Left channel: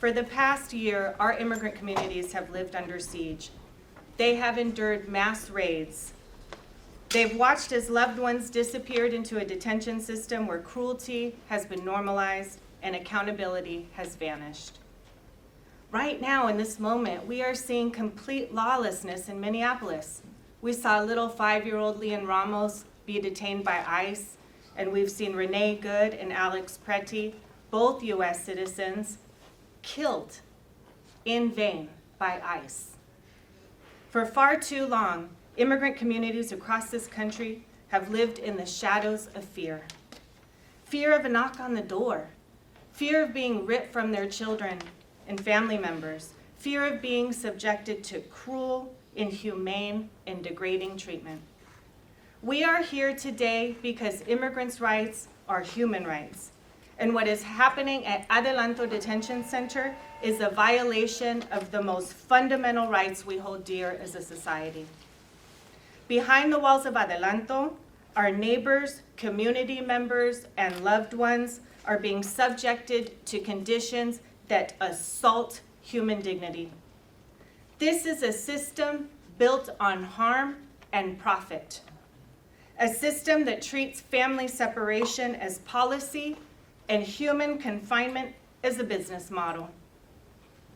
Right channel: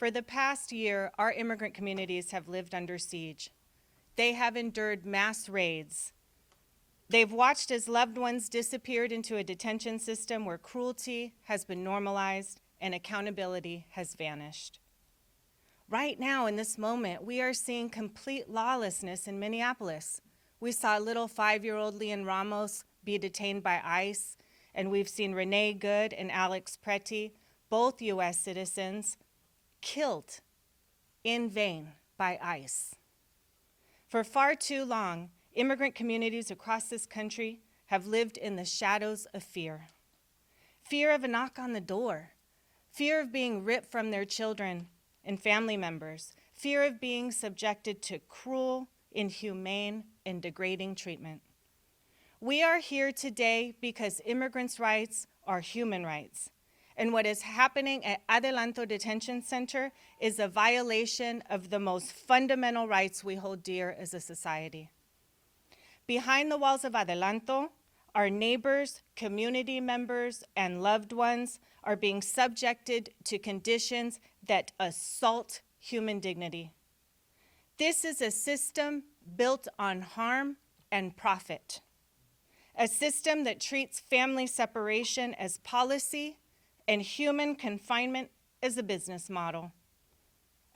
For the past year, our immigrant communities have lived under siege. They have endured mass raids. They've watched as loved ones disappeared into a detention system where cruelty has been normalized and accountability has vanished. Right now, in this moment, we are seeing complete lawlessness in Minneapolis. We saw little 5-year-old Leon Ramos be detained by ICE, and we've seen Renee Good and Alex Preti, both U.S. citizens, killed in vain by ICE. For far too long, immigrant communities across this country have lived in the shadows of fear. Fear of a knock on the door, fear of being ripped from their children and family members, fear of being subjected to cruel, inhumane, and degrading treatment. We are here today because immigrants' rights are human rights. And what is happening at Adelanto Detention Center is a violation of the most fundamental rights we hold dear as a society. Behind the walls of Adelanto, our neighbors, community members, and loved ones are being subjected to conditions that assault human dignity. This is a system built on harm and profit. A system that treats family separation as policy and human confinement as a business model.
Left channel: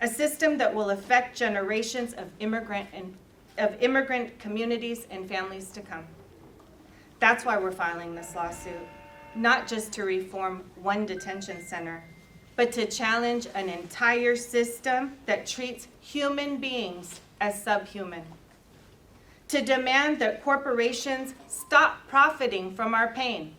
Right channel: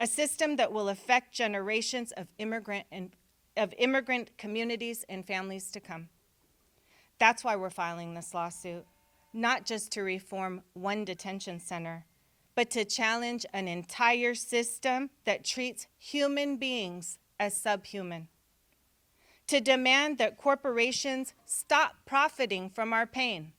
A system that will affect generations of immigrant communities and families to come. That's why we're filing this lawsuit, not just to reform one detention center, but to challenge an entire system that treats human beings as subhuman. To demand that corporations stop profiting from our pain.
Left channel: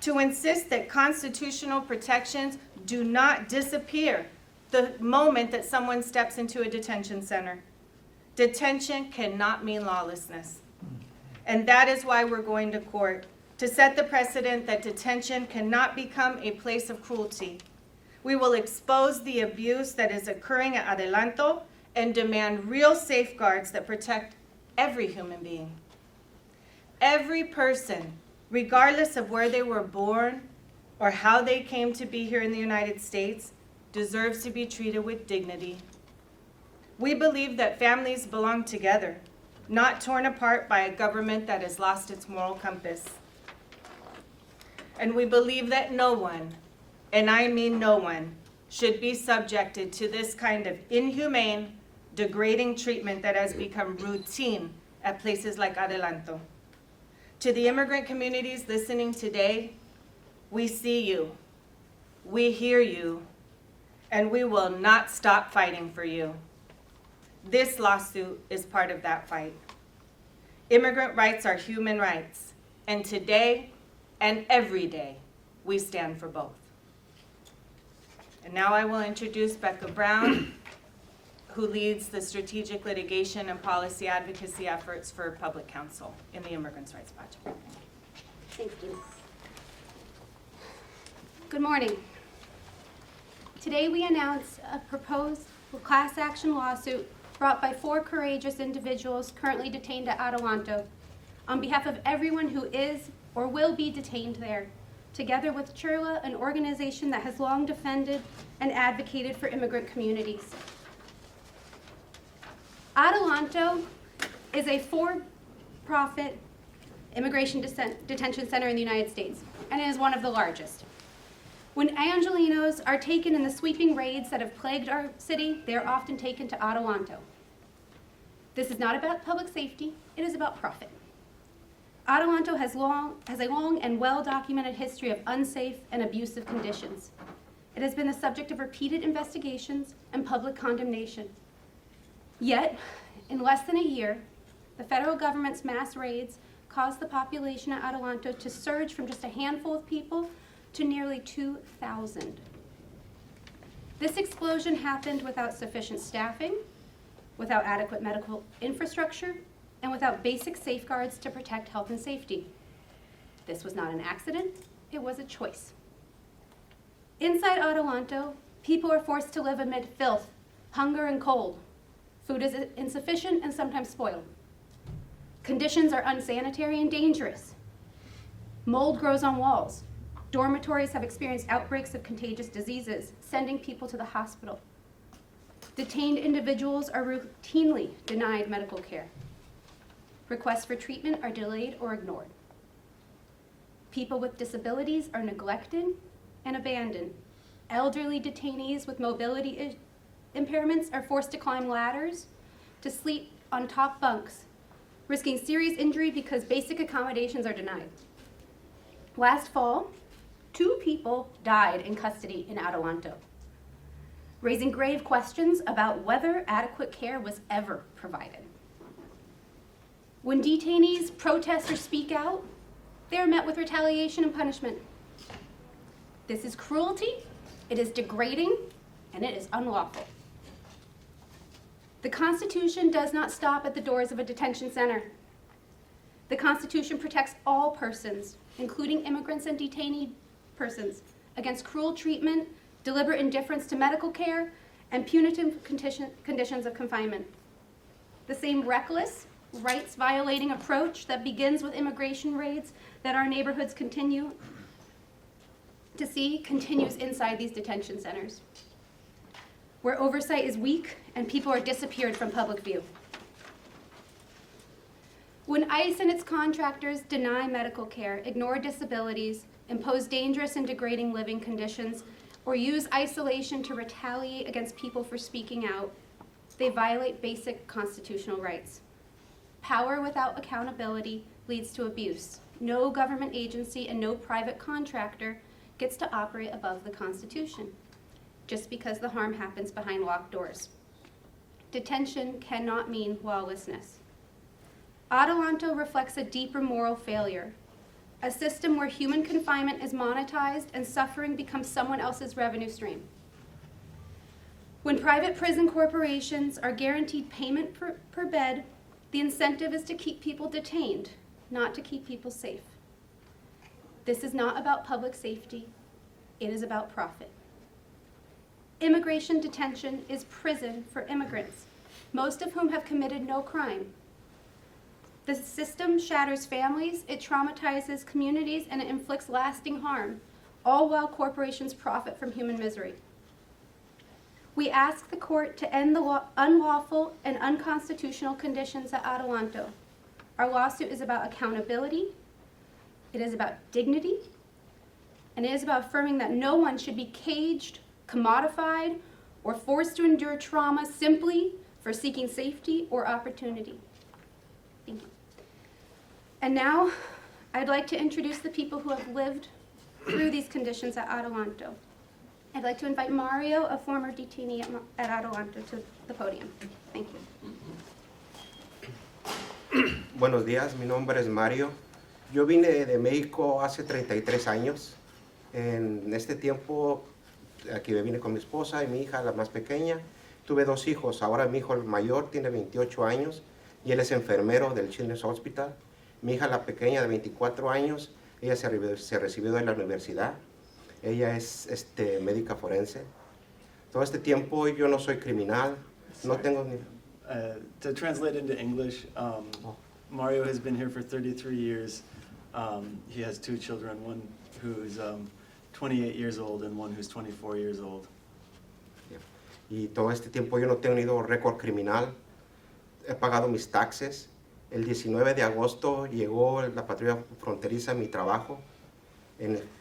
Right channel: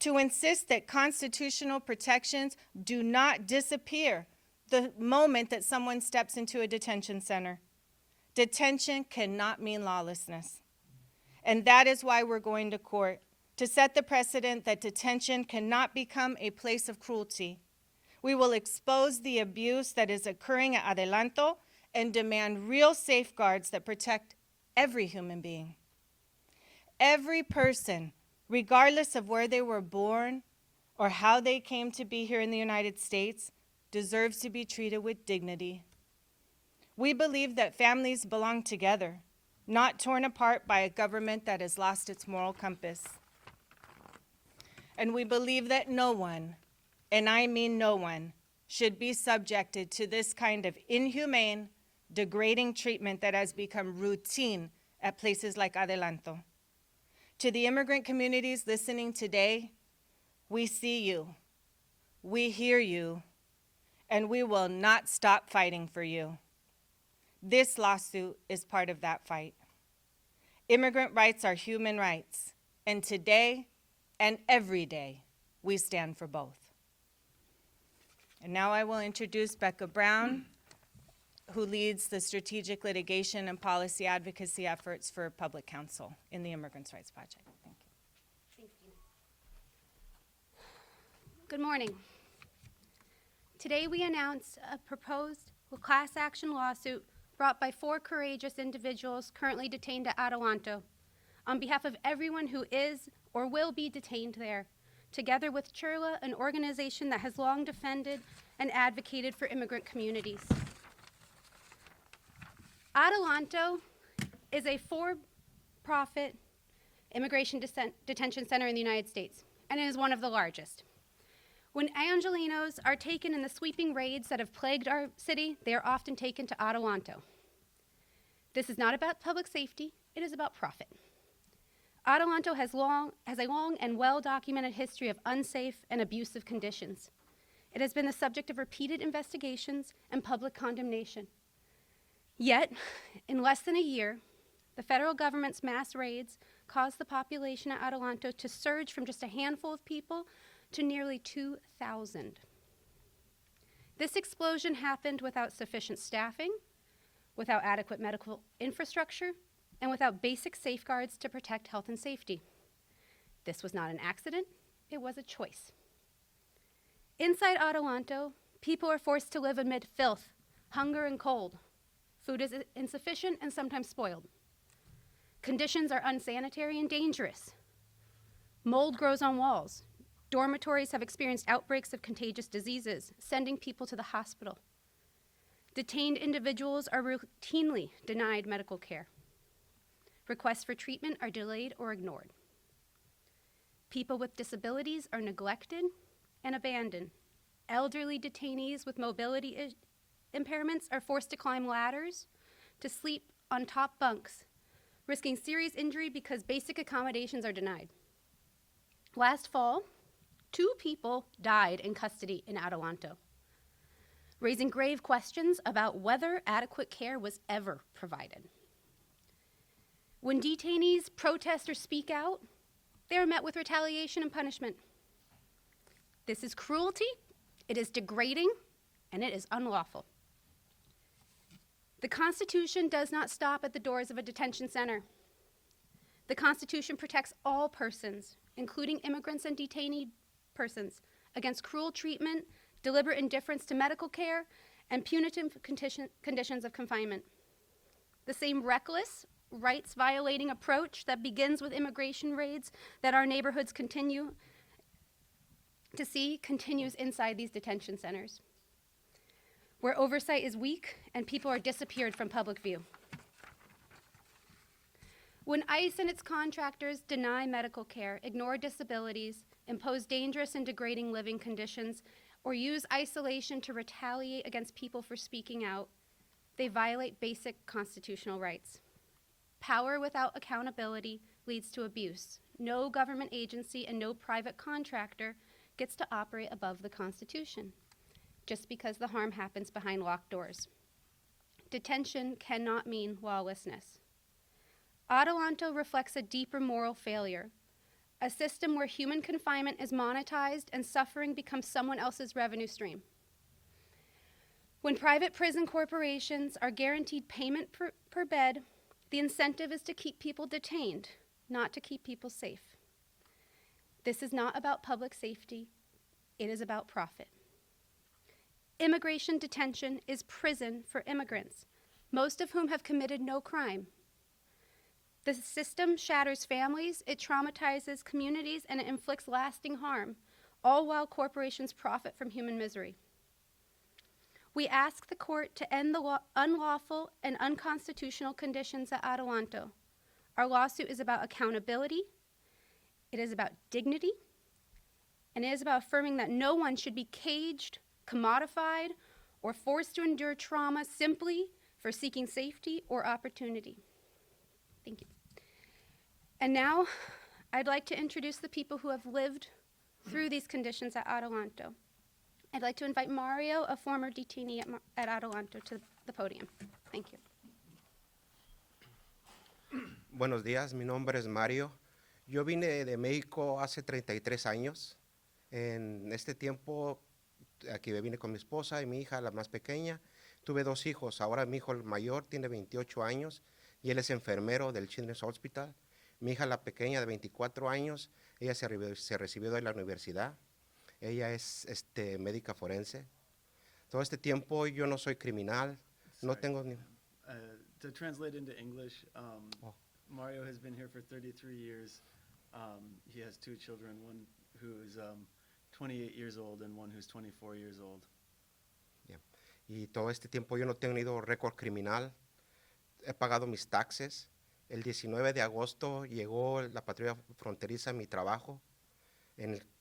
To insist that constitutional protections do not disappear the moment that someone steps into a detention center. Detention cannot mean lawlessness. And that is why we're going to court, to set the precedent that detention cannot become a place of cruelty. We will expose the abuse that is occurring at Adelanto and demand real safeguards that protect every human being. Every person, regardless of where they were born or how they came to be here in the United States, deserves to be treated with dignity. We believe that families belong together, not torn apart by a government that has lost its moral compass. And we believe that no one, and I mean no one, should be subjected to this kind of inhumane, degrading treatment that has become routine at places like Adelanto. To the immigrant communities listening today, we see you, we hear you, and we will not stop fighting for you. This lawsuit is part of that fight. Immigrant rights are human rights, and today and every day, we stand for both. And now I will introduce Becca Brown, who leads the strategic litigation and policy advocacy efforts for public counsel in the Immigrants' Rights Project. Thank you. Good morning. Today we announce a proposed class action lawsuit brought by 4 courageous individuals currently detained at Adelanto on behalf of everyone who is or will be detained there, together with CHIRLA, an organization that has long defended and advocated for immigrant communities. Adelanto is a for-profit immigration detention center in the United States, and it is one of the largest. When Angelenos are taken in the sweeping raids that have plagued our city, they are often taken to Adelanto. This is not about public safety, it is about profit. Adelanto has a long and well-documented history of unsafe and abusive conditions. It has been the subject of repeated investigations and public condemnation. Yet, in less than a year, the federal government's mass raids caused the population at Adelanto to surge from just a handful of people to nearly 2,000. This explosion happened without sufficient staffing, without adequate medical infrastructure, and without basic safeguards to protect health and safety. This was not an accident, it was a choice. Inside Adelanto, people are forced to live amid filth, hunger, and cold. Food is insufficient and sometimes spoiled. Conditions are unsanitary and dangerous. Mold grows on walls. Dormitories have experienced outbreaks of contagious diseases, sending people to the hospital. Detained individuals are routinely denied medical care. Requests for treatment are delayed or ignored. People with disabilities are neglected and abandoned. Elderly detainees with mobility impairments are forced to climb ladders, to sleep on top bunks, risking serious injury because basic accommodations are denied. Last fall, 2 people died in custody in Adelanto, raising grave questions about whether adequate care was ever provided. When detainees protest or speak out, they are met with retaliation and punishment. This is cruelty, it is degrading, and it is unlawful. The Constitution does not stop at the doors of a detention center. The Constitution protects all persons, including immigrants and detainee persons, against cruel treatment, deliberate indifference to medical care, and punitive conditions of confinement. The same reckless, rights-violating approach that begins with immigration raids that our neighborhoods continue to see continues inside these detention centers, where oversight is weak and people are disappeared from public view. When ICE and its contractors deny medical care, ignore disabilities, impose dangerous and degrading living conditions, or use isolation to retaliate against people for speaking out, they violate basic constitutional rights. Power without accountability leads to abuse. No government agency and no private contractor gets to operate above the Constitution, just because the harm happens behind locked doors. Detention cannot mean lawlessness. Adelanto reflects a deeper moral failure, a system where human confinement is monetized and suffering becomes someone else's revenue stream. When private prison corporations are guaranteed payment per bed, the incentive is to keep people detained, not to keep people safe. This is not about public safety, it is about profit. Immigration detention is prison for immigrants, most of whom have committed no crime. The system shatters families, it traumatizes communities, and it inflicts lasting harm, all while corporations profit from human misery. We ask the court to end the unlawful and unconstitutional conditions at Adelanto. Our lawsuit is about accountability, it is about dignity, and it is about affirming that no one should be caged, commodified, or forced to endure trauma simply for seeking safety or opportunity. Thank you. And now, I'd like to introduce the people who have lived through these conditions at Adelanto. I'd like to invite Mario, a former detainee at Adelanto, to the podium. Thank you. Buenos días, mi nombre es Mario. Yo vine de México hace 33 años. En este tiempo, aquí vine con mi esposa y mi hija, la más pequeña. Tuve 2 hijos. Ahora mi hijo el mayor tiene 28 años y él es enfermero del Children's Hospital. Mi hija, la pequeña, de 24 años, ella se recibió de la universidad. Ella es médica forense. Todo este tiempo yo no soy criminal. No tengo ni... To translate into English, Mario has been here for 33 years. He has 2 children, one who's 28 years old and one who's 24 years old. Y todo este tiempo yo no he tenido récord criminal. He pagado mis taxes. El 19 de agosto llegó la patrulla fronteriza a mi trabajo.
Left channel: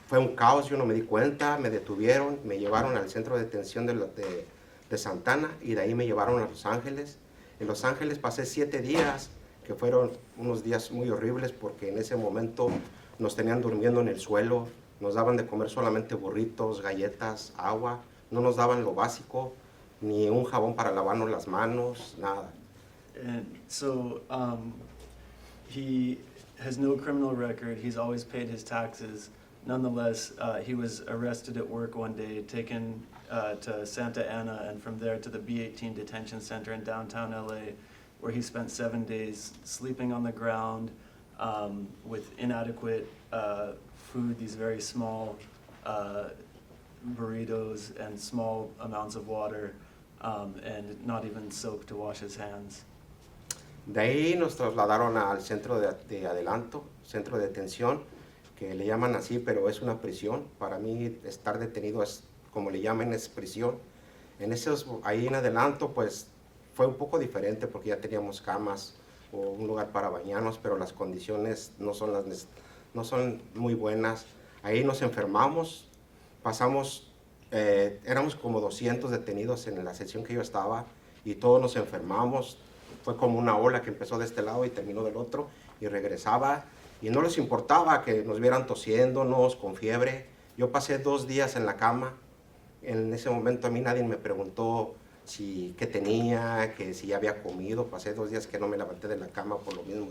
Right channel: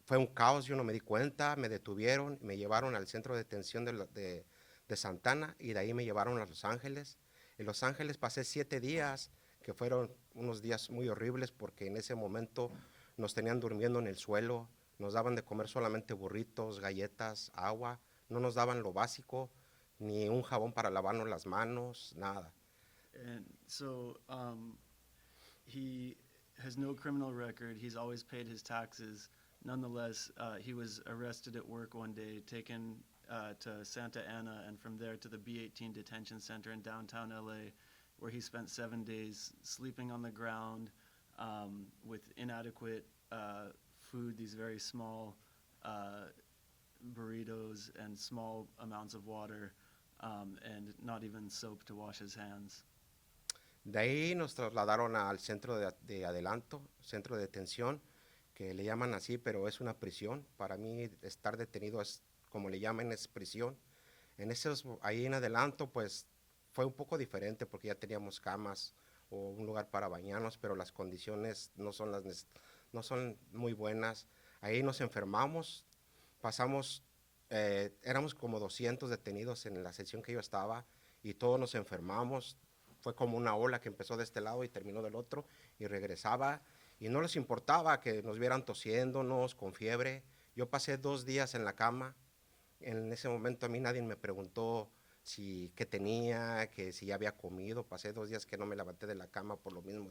Fue un caos, yo no me di cuenta, me detuvieron, me llevaron al centro de detención de Santana y de ahí me llevaron a Los Ángeles. En Los Ángeles pasé 7 días, que fueron unos días muy horribles porque en ese momento nos tenían durmiendo en el suelo, nos daban de comer solamente burritos, galletas, agua, no nos daban lo básico, ni un jabón para lavarnos las manos, nada. And so he has no criminal record. He's always paid his taxes. Nonetheless, he was arrested at work one day, taken to Santa Ana, and from there to the B-18 detention center in downtown LA, where he spent 7 days sleeping on the ground with inadequate food, these very small burritos and small amounts of water, and not even soap to wash his hands. De ahí nos trasladaron al centro de Adelanto, centro de detención, que le llaman así, pero es una prisión. Para mí estar detenido es, como le llaman, es prisión. Ahí en Adelanto, pues fue un poco diferente porque ya teníamos camas o un lugar para bañarnos, pero las condiciones no son muy buenas. Ahí nos enfermamos, éramos como 200 detenidos en la sección que yo estaba y todos nos enfermamos. Fue como una ola que empezó de este lado y terminó del otro y regresaba. Y no les importaba que nos vieran tosiéndonos, con fiebre. Yo pasé 2 días en la cama. En ese momento a mí nadie me preguntó qué tenía, que si ya había comido. Pasé 2 días que no me levanté de la cama por lo mismo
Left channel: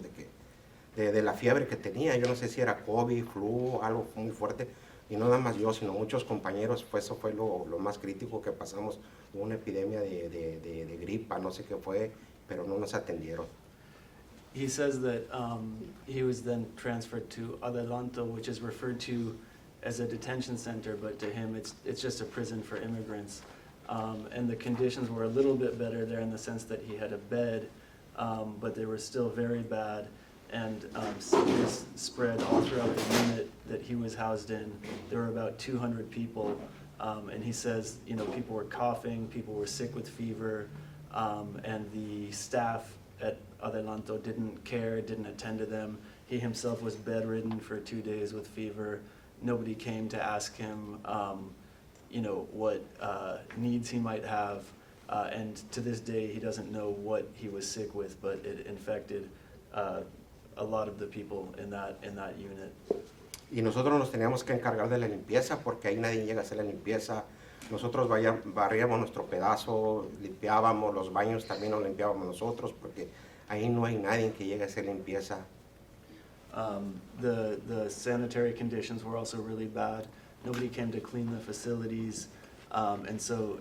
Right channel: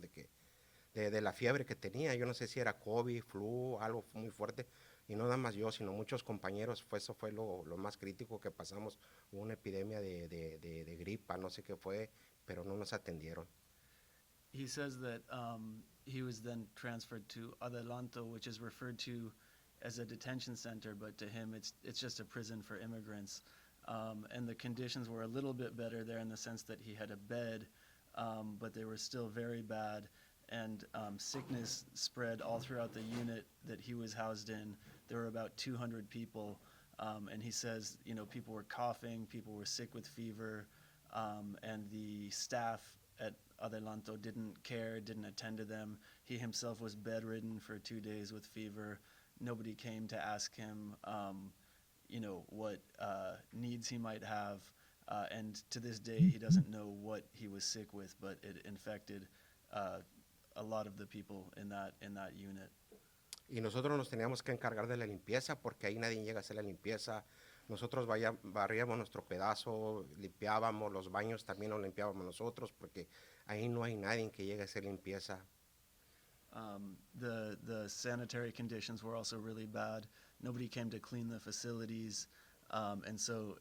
de la fiebre que tenía. Yo no sé si era COVID, flu, algo muy fuerte. Y no nada más yo, sino muchos compañeros. Pues eso fue lo más crítico que pasamos. Hubo una epidemia de gripa, no sé qué fue, pero no nos atendieron. He says that he was then transferred to Adelanto, which is referred to as a detention center, but to him it's just a prison for immigrants. And the conditions were a little bit better there in the sense that he had a bed, but they were still very bad, and sickness spread all throughout the unit that he was housed in. There were about 200 people, and he says, you know, people were coughing, people were sick with fever, and the staff at Adelanto didn't care, didn't attend to them. He himself was bedridden for 2 days with fever. Nobody came to ask him, you know, what needs he might have. And to this day, he doesn't know what he was sick with, but it infected a lot of the people in that unit. Y nosotros nos teníamos que encargar de la limpieza porque ahí nadie llega a hacer la limpieza. Nosotros barríamos nuestro pedazo, limpiábamos los baños, también los limpiábamos nosotros porque ahí no hay nadie que llegue a hacer limpieza. The sanitary conditions were also really bad. Nobody came to clean the facilities, and so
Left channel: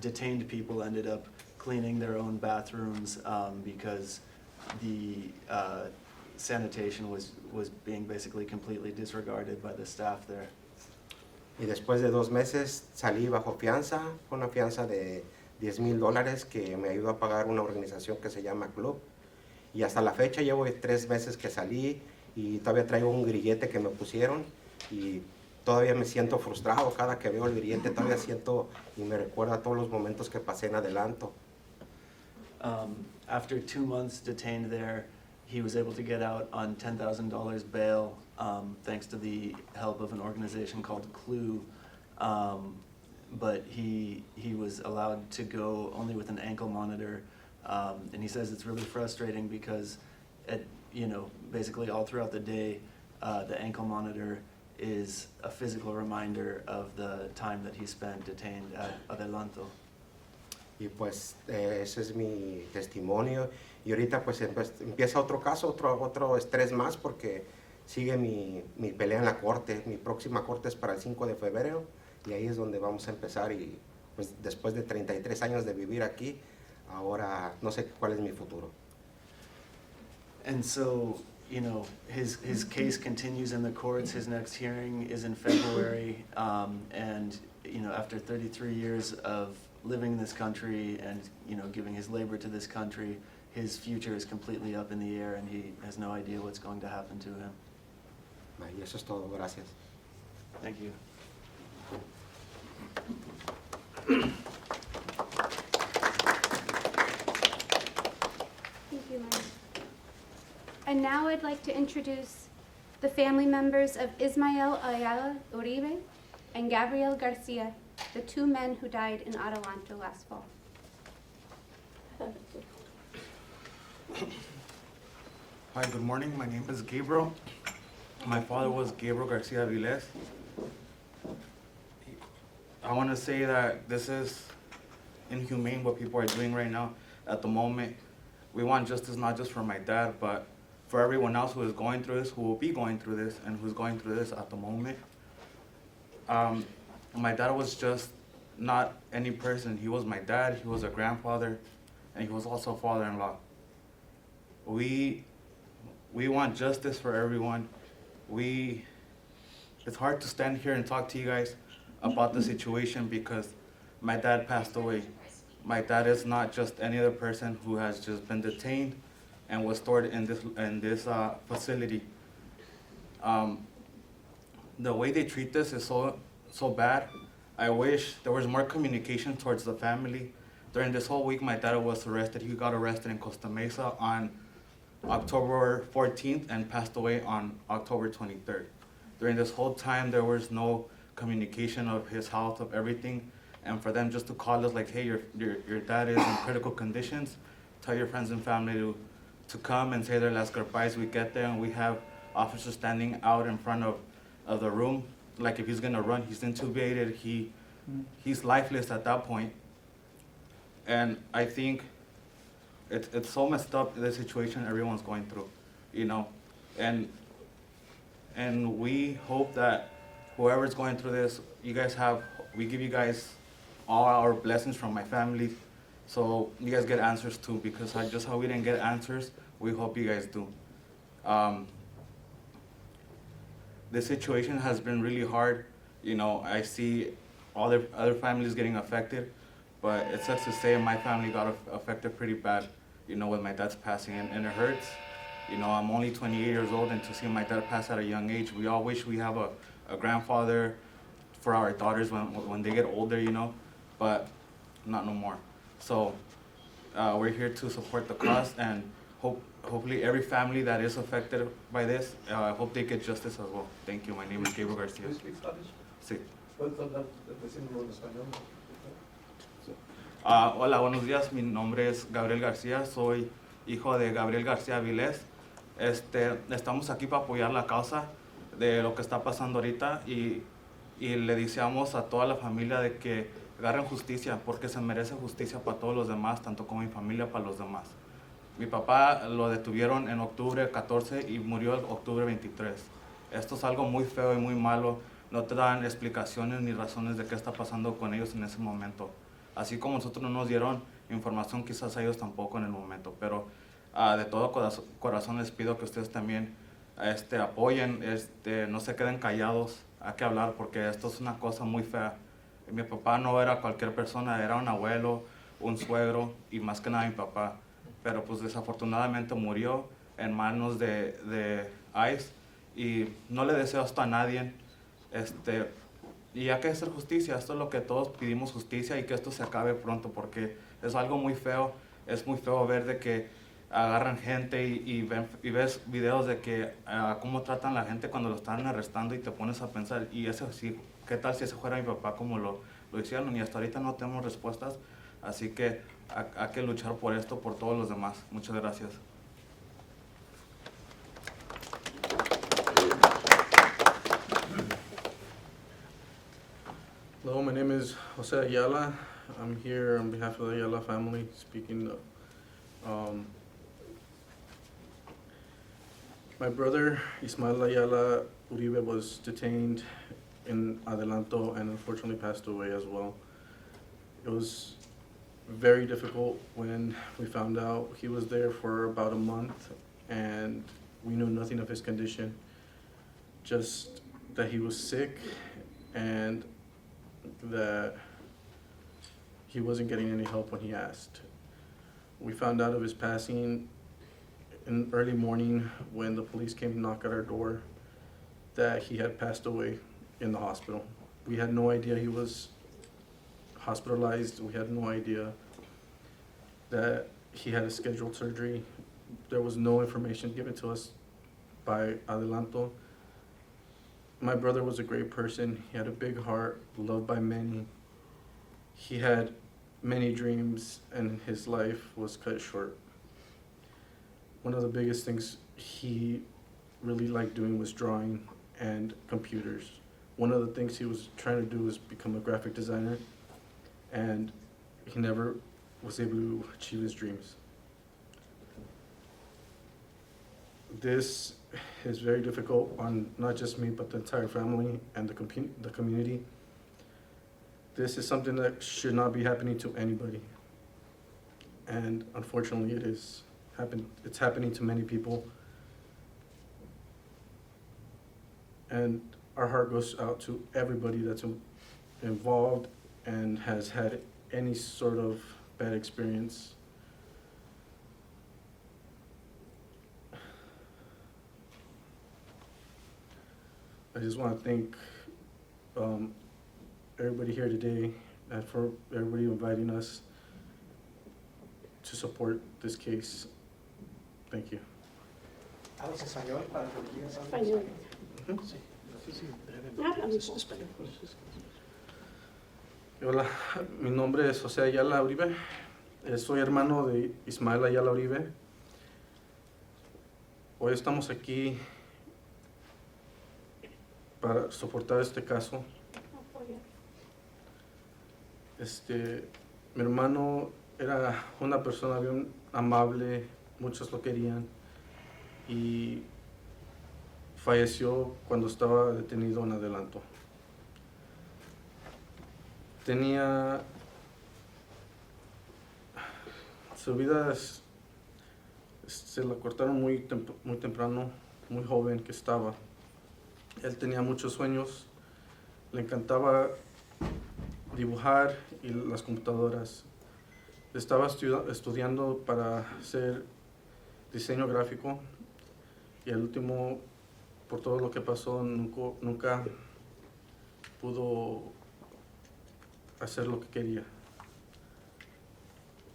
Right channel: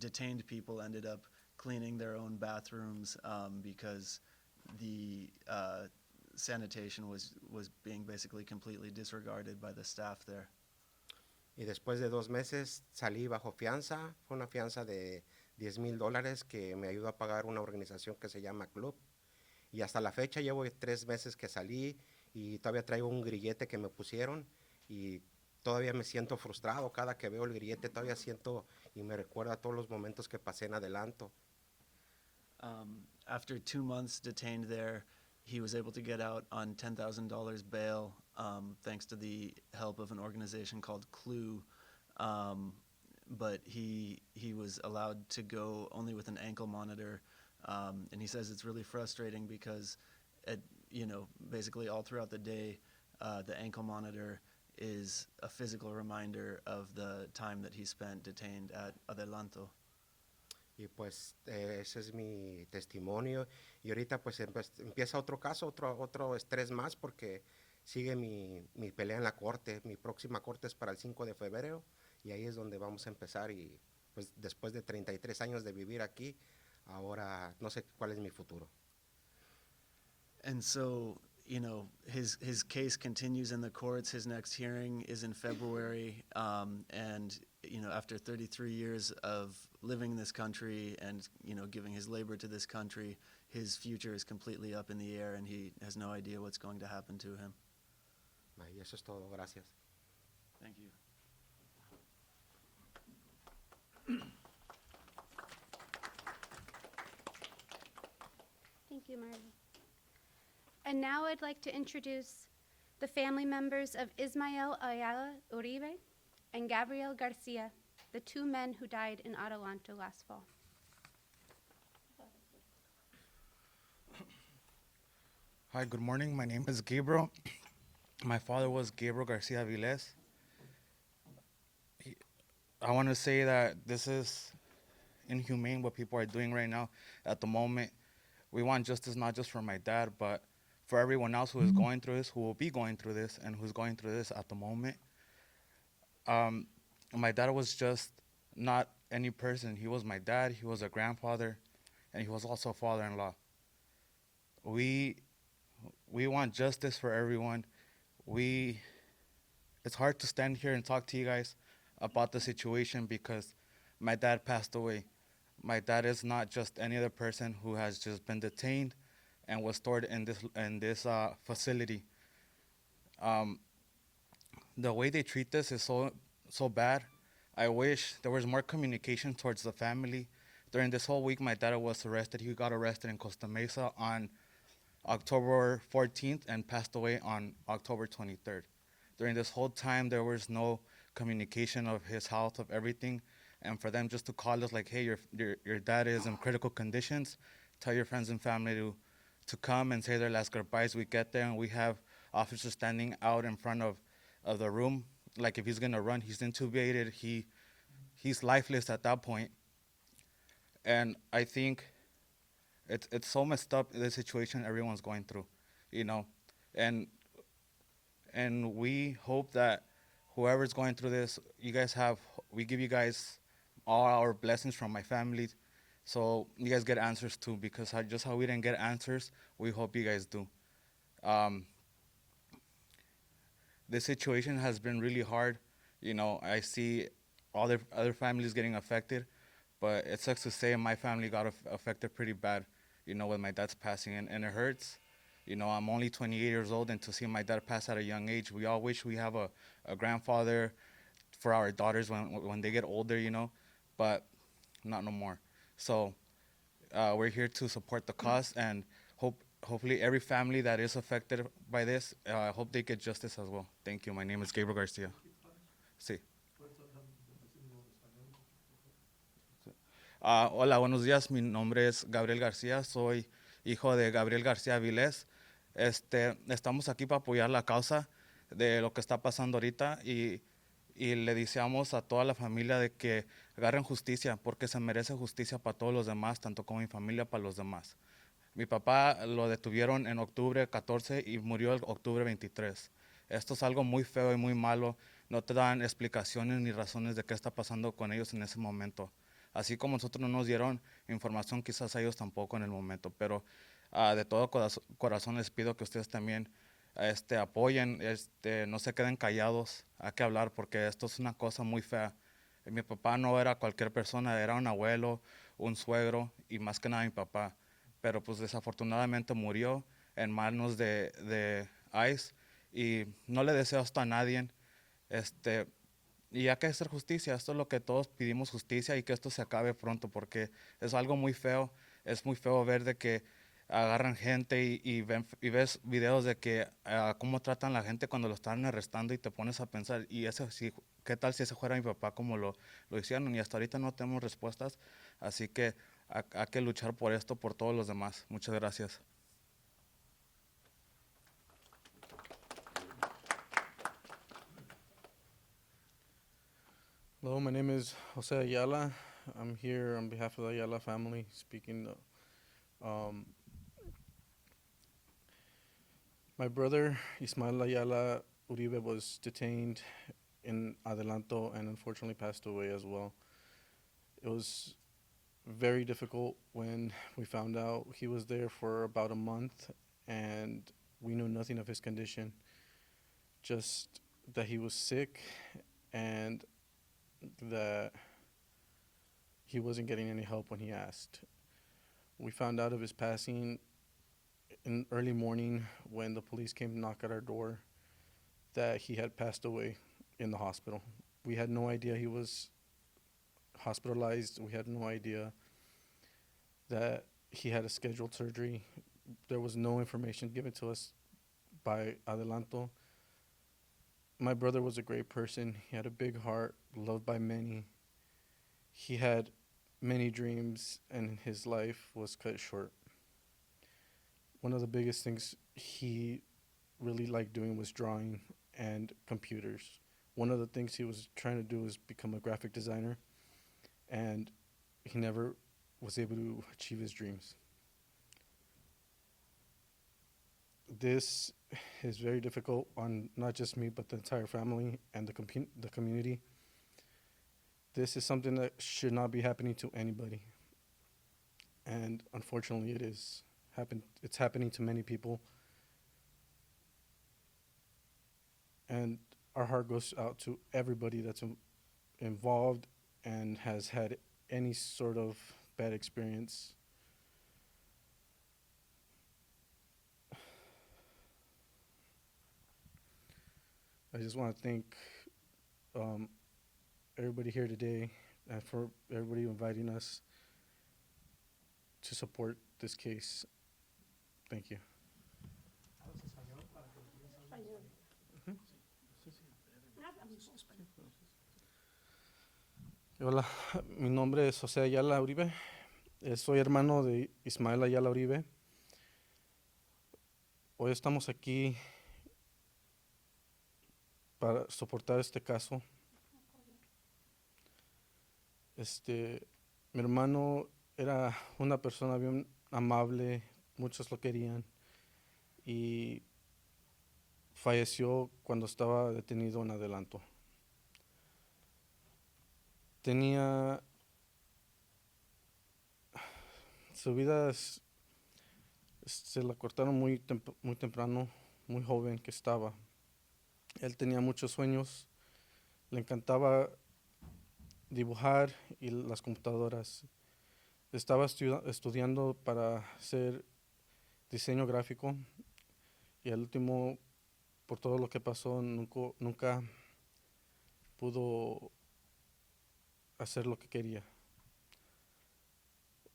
detained people ended up cleaning their own bathrooms because the sanitation was being basically completely disregarded by the staff there. Y después de 2 meses salí bajo fianza, con una fianza de $10,000 que me ayudó a pagar una organización que se llama Club. Y hasta la fecha llevo 3 meses que salí y todavía traigo un grillete que me pusieron y todavía me siento frustrado cada que veo el grillete, todavía siento y me recuerda todos los momentos que pasé en Adelanto. After 2 months detained there, he was able to get out on $10,000 bail, thanks to the help of an organization called Clue. But he was allowed to go only with an ankle monitor, and he says it's really frustrating because, basically all throughout the day, the ankle monitor is a physical reminder of the time that he spent detained at Adelanto. Y pues ese es mi testimonio. Y ahorita pues empieza otro caso, otro estrés más porque sigue mi pelea en la corte. Mi próxima corte es para el 5 de febrero y ahí es donde vamos a empezar. Y pues después de 33 años de vivir aquí, ahora no sé cuál es mi futuro. And so, his case continues in the courts. His next hearing is in February, and after 33 years of living in this country and giving his labor to this country, his future is completely up in the air, and he has no idea what's going to happen to him. Y eso es todo. Gracias. Thank you. Thank you, Ma'am. And now I'd like to introduce the family members of Ismael Ayala Uribe and Gabriel Garcia, the 2 men who died in Adelanto last fall. Hi, good morning. My name is Gabriel. My father was Gabriel Garcia Aviles. I want to say that this is inhumane what people are doing right now. At the moment, we want justice not just for my dad, but for everyone else who is going through this, who will be going through this, and who's going through this at the moment. My dad was just not any person. He was my dad, he was a grandfather, and he was also a father-in-law. We want justice for everyone. It's hard to stand here and talk to you guys about the situation because my dad passed away. My dad is not just any other person who has just been detained and was stored in this facility. the way they treat this is so bad. I wish there was more communication towards the family. During this whole week, my dad was arrested. He got arrested in Costa Mesa on October 14th and passed away on October 23rd. During this whole time, there was no communication of his health, of everything. And for them just to call us like, hey, your dad is in critical conditions, tell your friends and family to come and say their last goodbyes. We get there and we have officers standing out in front of the room. Like if he's gonna run, he's intubated, he's lifeless at that point. And I think it's so messed up, the situation everyone's going through, you know? And we hope that whoever's going through this, we give you guys all our blessings from my family, so you guys get answers too, because just how we didn't get answers, we hope you guys do. The situation has been really hard. You know, I see all the other families getting affected, but it sucks to say my family got affected pretty bad, you know, with my dad's passing, and it hurts. You know, I'm only 28 years old, and to see my dad pass at a young age, we all wish we have a grandfather for our daughters when they get older, you know, but not no more. So we're here to support the cause, and hopefully every family that is affected by this, I hope they get justice as well. Thank you. My name is Gabriel Garcia. Do you speak Spanish? Sí. ¿Puedes hablar decirlo en español? Hola, buenos días. Mi nombre es Gabriel García. Soy hijo de Gabriel García Avilés. Estamos aquí para apoyar la causa de lo que está pasando ahorita y le deseamos a toda la familia de que agarren justicia, porque se merece justicia para todos los demás, tanto como mi familia para los demás. Mi papá lo detuvieron en octubre 14 y murió en octubre 23. Esto es algo muy feo y muy malo. No te dan explicaciones ni razones de qué está pasando con ellos en ese momento. Así como nosotros no nos dieron información, quizás ellos tampoco en el momento. Pero de todo corazón les pido que ustedes también apoyen, no se queden callados. Hay que hablar porque esto es una cosa muy fea. Mi papá no era cualquier persona, era un abuelo, un suegro y más que nada mi papá. Pero pues desafortunadamente murió en manos de ICE y no le deseo esto a nadie. Y hay que hacer justicia. Esto es lo que todos pedimos, justicia, y que esto se acabe pronto porque es algo muy feo. Es muy feo ver de que agarran gente y ves videos de que cómo tratan a la gente cuando lo están arrestando y te pones a pensar, y eso sí, ¿qué tal si ese fuera mi papá como lo hicieron? Y hasta ahorita no tenemos respuestas, así que hay que luchar por esto, por todos los demás. Muchas gracias. Hello, my name is Jose Ayala. I'm here on behalf of the Ayala family speaking. My brother, Ismael Ayala Uribe, was detained in Adelanto and unfortunately passed away as well. It was very difficult when we found out. He was there for about a month and we knew nothing of his condition, just that he was sick and that he wasn't getting any help when he asked. We found out of his passing in early morning when the police came to knock at our door that he had passed away in the hospital. We had no idea he was hospitalized. We had no idea that he had a scheduled surgery. There was no information given to us by Adelanto. My brother was a great person. He had a big heart, loved by many. He had many dreams and his life was cut short. One of the biggest things he really liked doing was drawing and computers. One of the things he was trying to do was become a graphic designer, and he never was able to achieve his dreams. This is very difficult on not just me, but the entire family and the community. This is something that should not be happening to anybody. And unfortunately it is. It's happening to many people. And our heart goes out to everybody that's involved and has had any sort of bad experience. I just want to thank everybody here today and for everybody inviting us to support this case. Thank you. ¿Hablas español para que me digas algo? Español. Sí. Sí, sí, brevemente. Habla un poco. Español. Hola, mi nombre es José Ayala Uribe. Soy hermano de Ismael Ayala Uribe. Hoy estamos aquí para soportar este caso. Mi hermano era una persona bien amable, muchos lo querían, y falleció cuando estaba detenido en Adelanto. Su vida se la cortaron muy temprano, muy joven que estaba. Él tenía muchos sueños, le encantaba dibujar y las computadoras. Estaba estudiando para hacer diseño gráfico y el último, por todo lo que pasó, nunca pudo hacer lo que quería.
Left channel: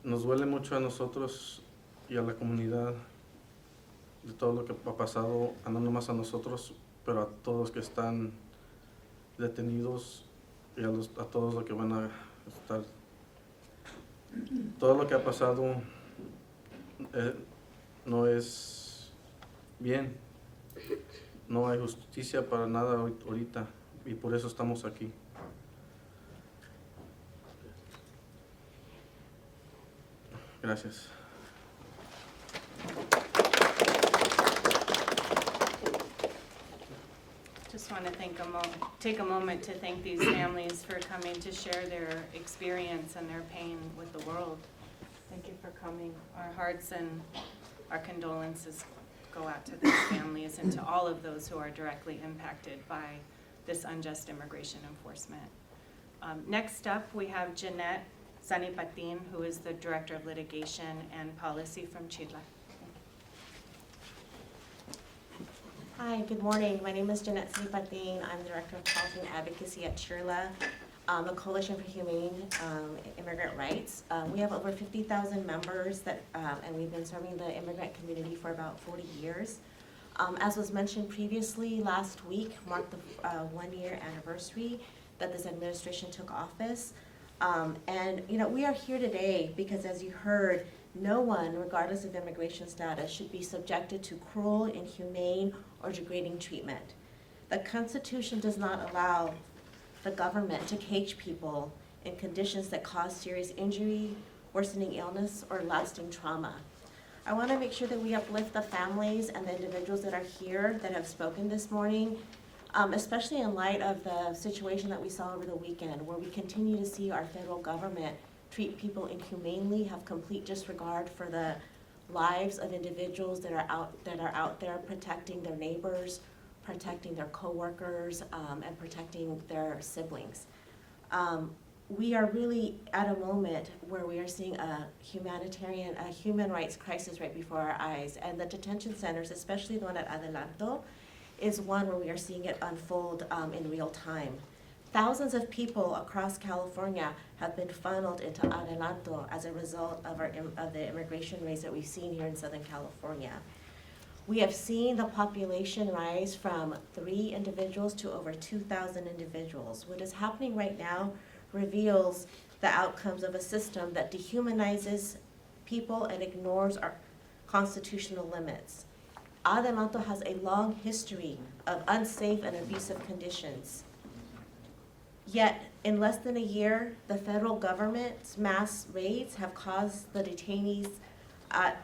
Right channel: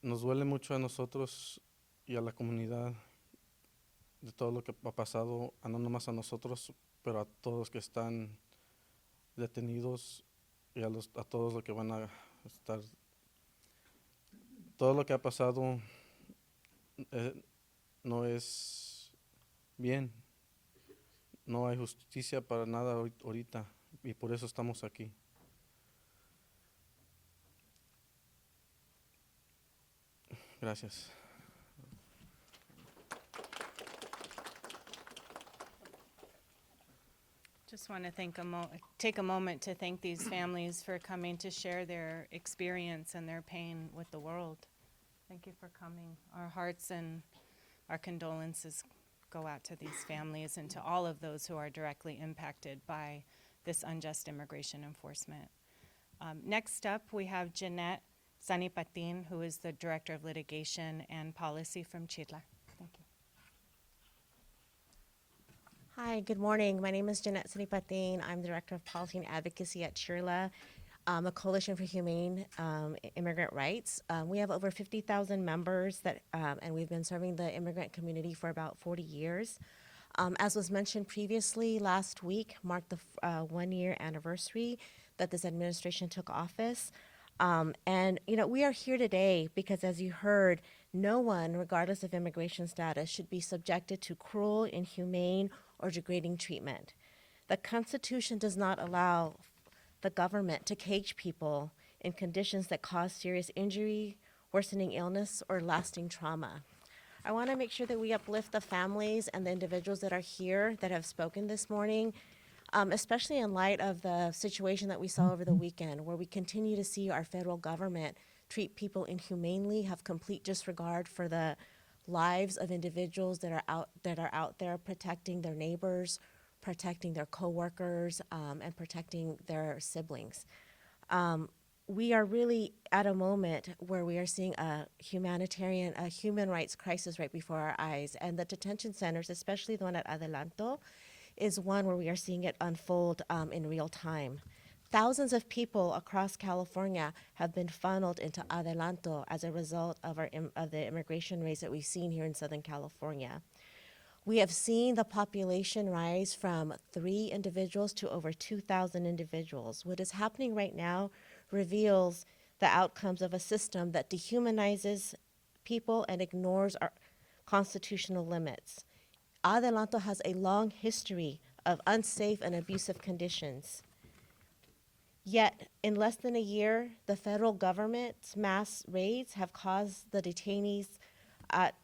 Nos duele mucho a nosotros y a la comunidad de todo lo que ha pasado, no nomás a nosotros, pero a todos que están detenidos y a todos los que van a estar. Todo lo que ha pasado no es bien. No hay justicia para nada ahorita y por eso estamos aquí. Gracias. Just want to take a moment to thank these families for coming to share their experience and their pain with the world. Thank you for coming. Our hearts and our condolences go out to these families and to all of those who are directly impacted by this unjust immigration enforcement. Next up, we have Jeanette Sanipatin, who is the Director of Litigation and Policy from CHIRLA. Hi, good morning. My name is Jeanette Sanipatin. I'm the Director of Policy and Advocacy at CHIRLA, a coalition for humane immigrant rights. We have over 50,000 members and we've been serving the immigrant community for about 40 years. As was mentioned previously, last week marked the 1-year anniversary that this administration took office. And we are here today because, as you heard, no one, regardless of immigration status, should be subjected to cruel, inhumane, or degrading treatment. The Constitution does not allow the government to cage people in conditions that cause serious injury, worsening illness, or lasting trauma. I want to make sure that we uplift the families and the individuals that are here that have spoken this morning, especially in light of the situation that we saw over the weekend, where we continue to see our federal government treat people inhumanely, have complete disregard for the lives of individuals that are out there protecting their neighbors, protecting their coworkers, and protecting their siblings. We are really at a moment where we are seeing a human rights crisis right before our eyes, and the detention centers, especially the one at Adelanto, is one where we are seeing it unfold in real time. Thousands of people across California have been funneled into Adelanto as a result of the immigration rates that we've seen here in Southern California. We have seen the population rise from 3 individuals to over 2,000 individuals. What is happening right now reveals the outcomes of a system that dehumanizes people and ignores our constitutional limits. Adelanto has a long history of unsafe and abusive conditions. Yet, in less than a year, the federal government's mass raids have caused the detainees at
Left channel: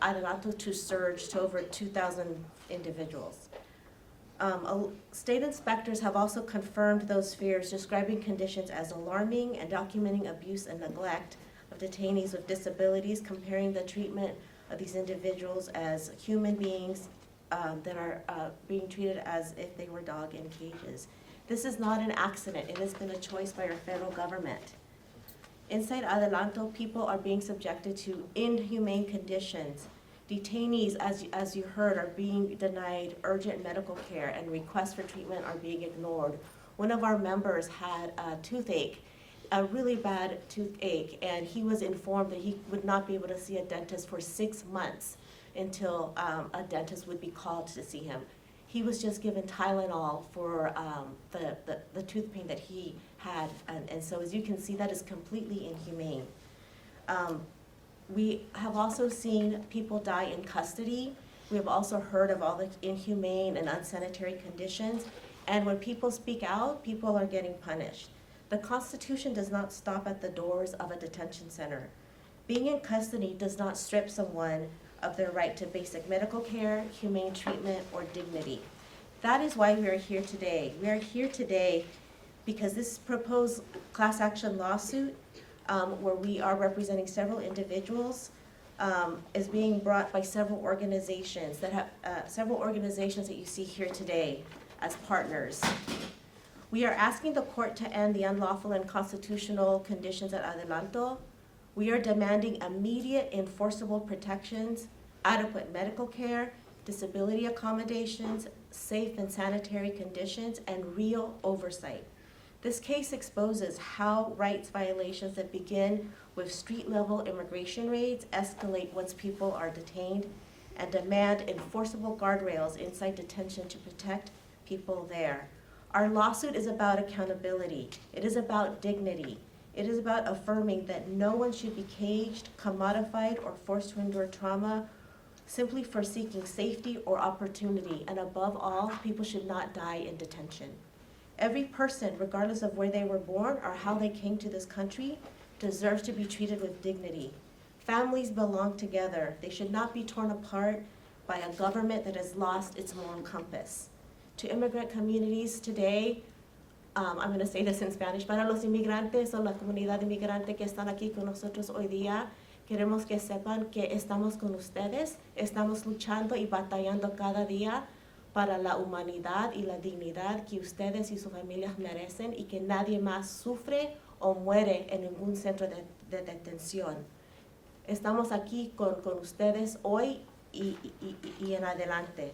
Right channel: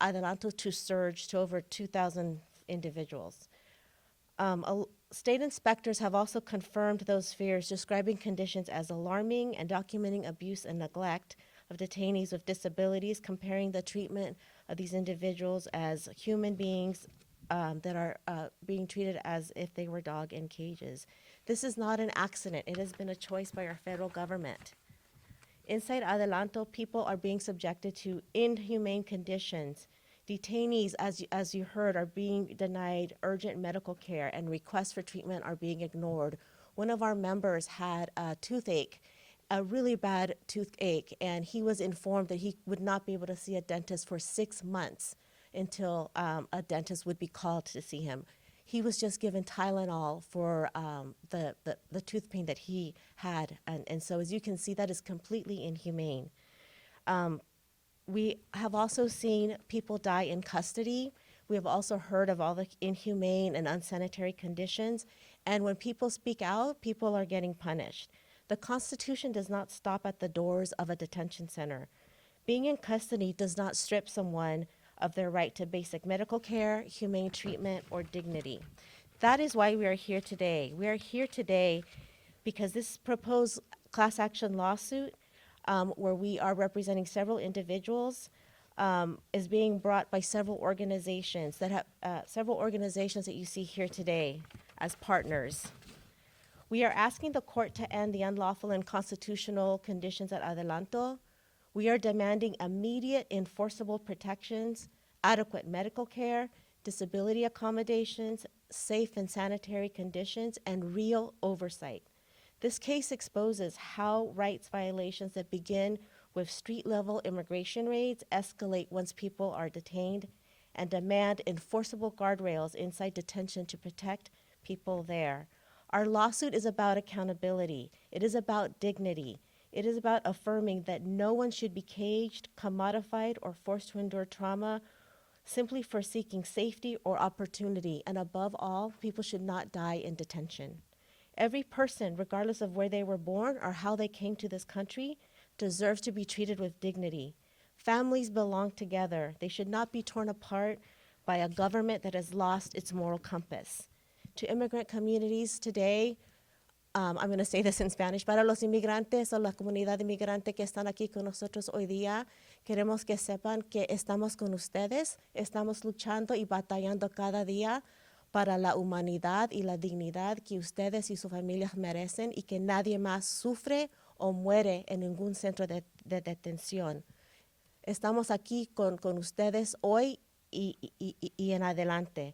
Adelanto to surge to over 2,000 individuals. State inspectors have also confirmed those fears, describing conditions as alarming and documenting abuse and neglect of detainees with disabilities, comparing the treatment of these individuals as human beings that are being treated as if they were dogs in cages. This is not an accident. It has been a choice by our federal government. Inside Adelanto, people are being subjected to inhumane conditions, Detainees, as you heard, are being denied urgent medical care and requests for treatment are being ignored. One of our members had a toothache, a really bad toothache, and he was informed that he would not be able to see a dentist for 6 months until a dentist would be called to see him. He was just given Tylenol for the tooth pain that he had, and so as you can see, that is completely inhumane. We have also seen people die in custody. We have also heard of all the inhumane and unsanitary conditions, and when people speak out, people are getting punished. The Constitution does not stop at the doors of a detention center. Being in custody does not strip someone of their right to basic medical care, humane treatment, or dignity. That is why we are here today. We are here today because this proposed class action lawsuit, where we are representing several individuals, is being brought by several organizations that you see here today as partners. We are asking the court to end the unlawful and constitutional conditions at Adelanto. We are demanding immediate enforceable protections, adequate medical care, disability accommodations, safe and sanitary conditions, and real oversight. This case exposes how rights violations that begin with street-level immigration raids escalate once people are detained and demand enforceable guardrails inside detention to protect people there. Our lawsuit is about accountability. It is about dignity. It is about affirming that no one should be caged, commodified, or forced to endure trauma simply for seeking safety or opportunity. And above all, people should not die in detention. Every person, regardless of where they were born or how they came to this country, deserves to be treated with dignity. Families belong together. They should not be torn apart by a government that has lost its moral compass. To immigrant communities today, I'm going to say this in Spanish, para los inmigrantes o la comunidad inmigrante que están aquí con nosotros hoy día, queremos que sepan que estamos con ustedes, estamos luchando y batallando cada día para la humanidad y la dignidad que ustedes y sus familias merecen y que nadie más sufre o muere en ningún centro de detención. Estamos aquí con ustedes hoy y en adelante.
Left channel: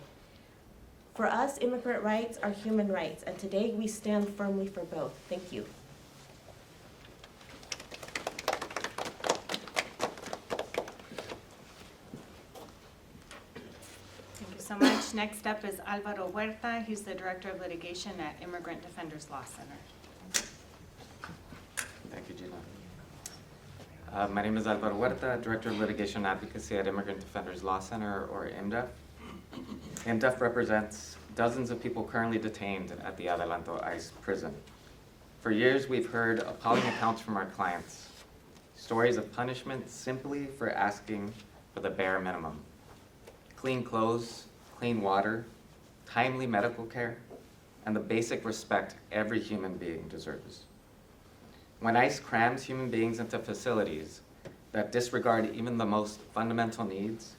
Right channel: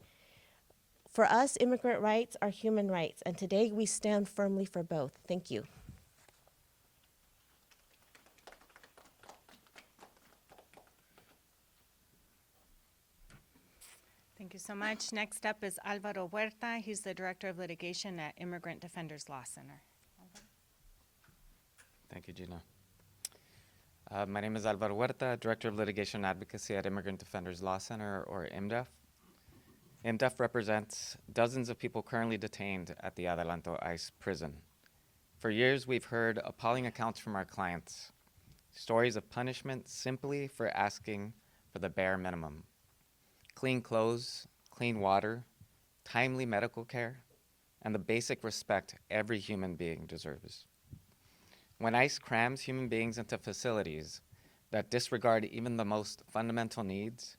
For us, immigrant rights are human rights, and today we stand firmly for both. Thank you. Thank you so much. Next up is Alvaro Huerta. He's the Director of Litigation at Immigrant Defenders Law Center. Thank you, Gina. My name is Alvaro Huerta, Director of Litigation Advocacy at Immigrant Defenders Law Center, or ImmDef. ImmDef represents dozens of people currently detained at the Adelanto ICE prison. For years, we've heard appalling accounts from our clients, stories of punishment simply for asking for the bare minimum: clean clothes, clean water, timely medical care, and the basic respect every human being deserves. When ICE crams human beings into facilities that disregard even the most fundamental needs,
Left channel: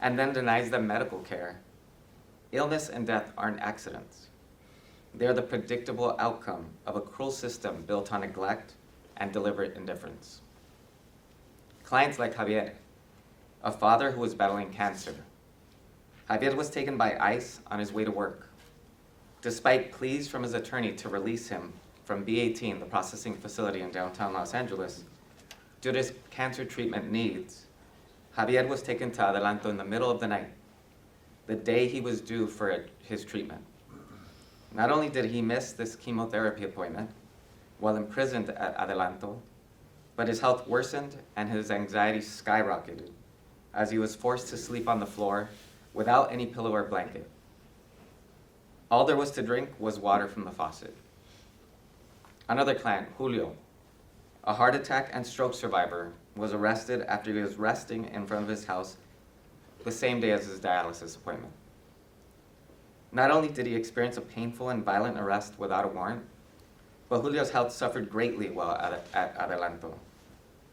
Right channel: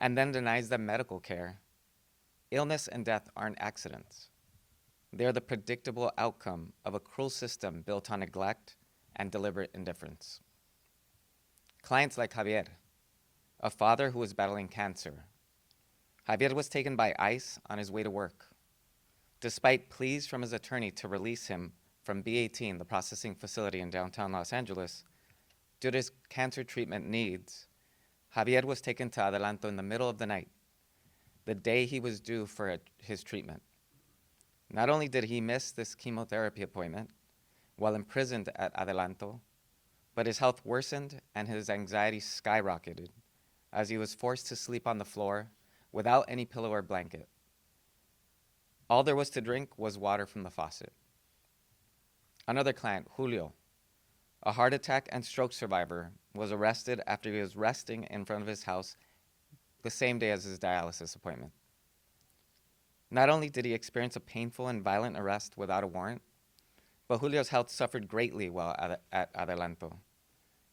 and then denies them medical care, illness and death aren't accidents. They're the predictable outcome of a cruel system built on neglect and deliberate indifference. Clients like Javier, a father who was battling cancer. Javier was taken by ICE on his way to work. Despite pleas from his attorney to release him from B18, the processing facility in downtown Los Angeles, due to his cancer treatment needs, Javier was taken to Adelanto in the middle of the night, the day he was due for his treatment. Not only did he miss this chemotherapy appointment while imprisoned at Adelanto, but his health worsened and his anxiety skyrocketed as he was forced to sleep on the floor without any pillow or blanket. All there was to drink was water from the faucet. Another client, Julio, a heart attack and stroke survivor, was arrested after he was resting in front of his house the same day as his dialysis appointment. Not only did he experience a painful and violent arrest without a warrant, but Julio's health suffered greatly while at Adelanto.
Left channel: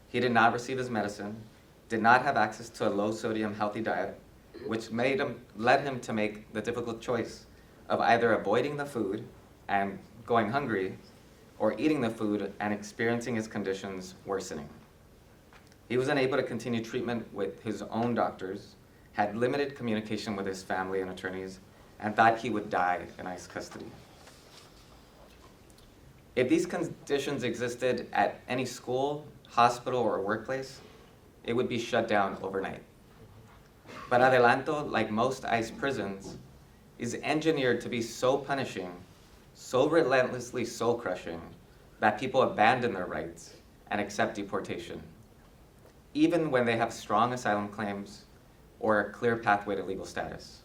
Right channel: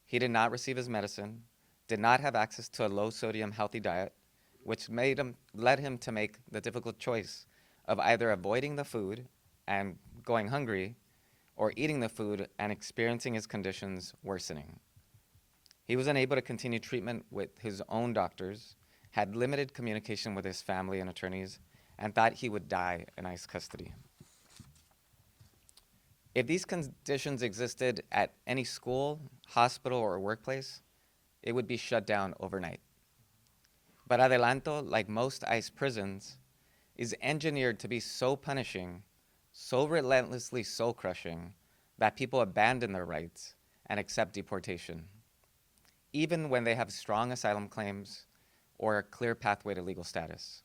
He did not receive his medicine, did not have access to a low-sodium healthy diet, which led him to make the difficult choice of either avoiding the food and going hungry, or eating the food and experiencing his conditions worsening. He was unable to continue treatment with his own doctors, had limited communication with his family and attorneys, and thought he would die in ICE custody. If these conditions existed at any school, hospital, or workplace, it would be shut down overnight. But Adelanto, like most ICE prisons, is engineered to be so punishing, so relentlessly soul-crushing, that people abandon their rights and accept deportation, even when they have strong asylum claims or a clear pathway to legal status.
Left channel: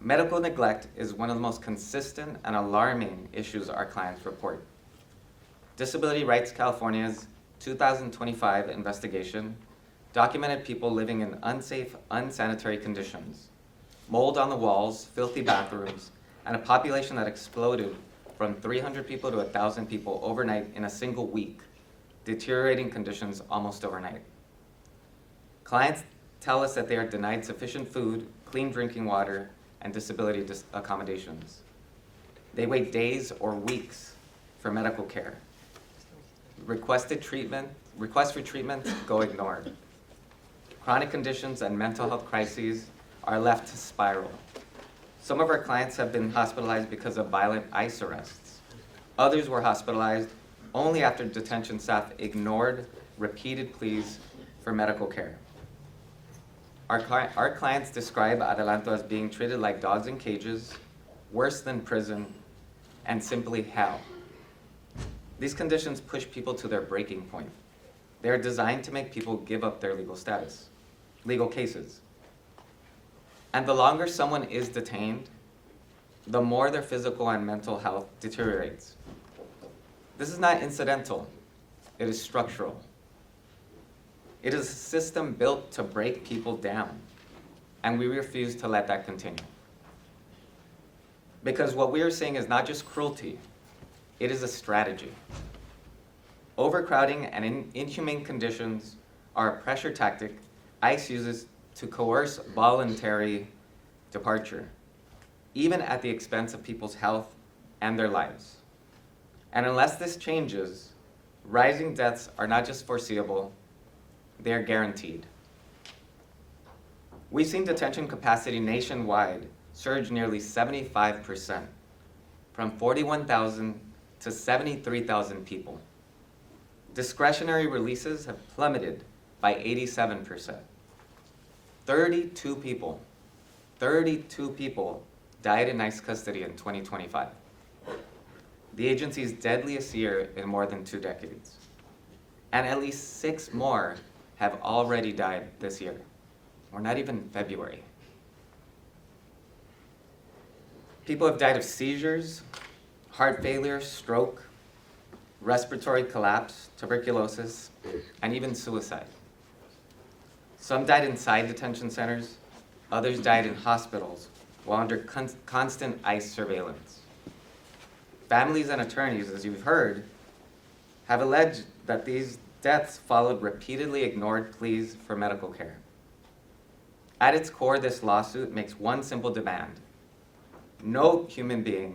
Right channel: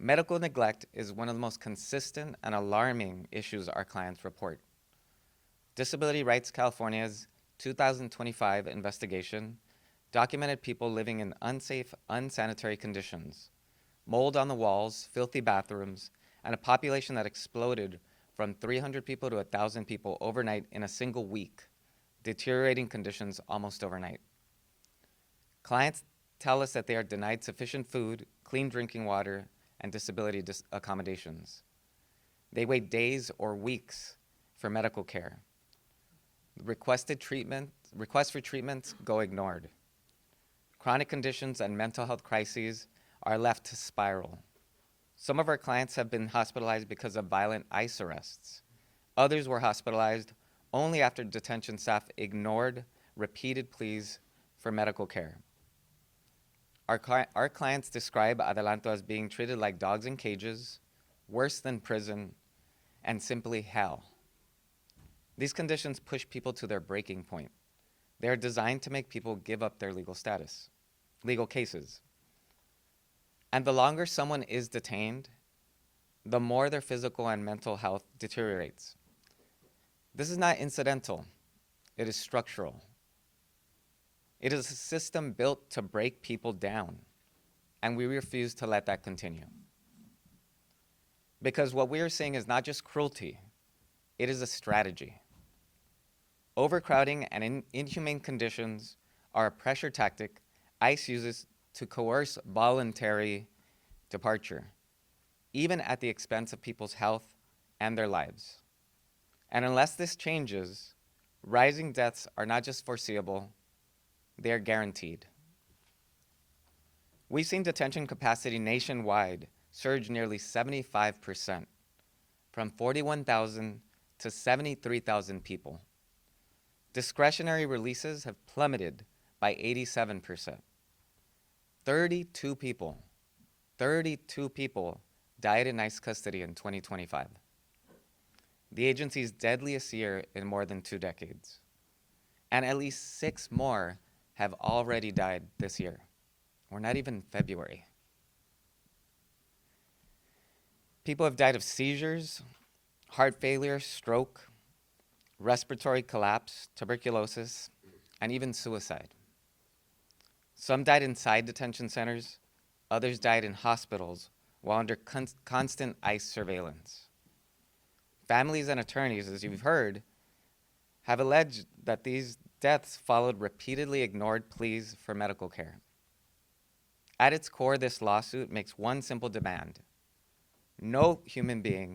Medical neglect is one of the most consistent and alarming issues our clients report. Disability Rights California's 2025 investigation documented people living in unsafe, unsanitary conditions, mold on the walls, filthy bathrooms, and a population that exploded from 300 people to 1,000 people overnight in a single week, deteriorating conditions almost overnight. Clients tell us that they are denied sufficient food, clean drinking water, and disability accommodations. They wait days or weeks for medical care. Requests for treatment go ignored. Chronic conditions and mental health crises are left to spiral. Some of our clients have been hospitalized because of violent ICE arrests. Others were hospitalized only after detention staff ignored repeated pleas for medical care. Our clients describe Adelanto as being treated like dogs in cages, worse than prison, and simply hell. These conditions push people to their breaking point. They are designed to make people give up their legal cases. And the longer someone is detained, the more their physical and mental health deteriorates. This is not incidental, it is structural. It is a system built to break people down, and we refuse to let that continue. Because what we are seeing is not just cruelty, it is a strategy. Overcrowding and inhumane conditions are a pressure tactic ICE uses to coerce voluntary departure, even at the expense of people's health and their lives. And unless this changes, rising deaths are not just foreseeable, they are guaranteed. We've seen detention capacity nationwide surge nearly 75%, from 41,000 to 73,000 people. Discretionary releases have plummeted by 87%. 32 people died in ICE custody in 2025. The agency's deadliest year in more than 2 decades. And at least 6 more have already died this year. We're not even February. People have died of seizures, heart failure, stroke, respiratory collapse, tuberculosis, and even suicide. Some died inside detention centers, others died in hospitals while under constant ICE surveillance. Families and attorneys, as you've heard, have alleged that these deaths followed repeatedly ignored pleas for medical care. At its core, this lawsuit makes one simple demand. No human being,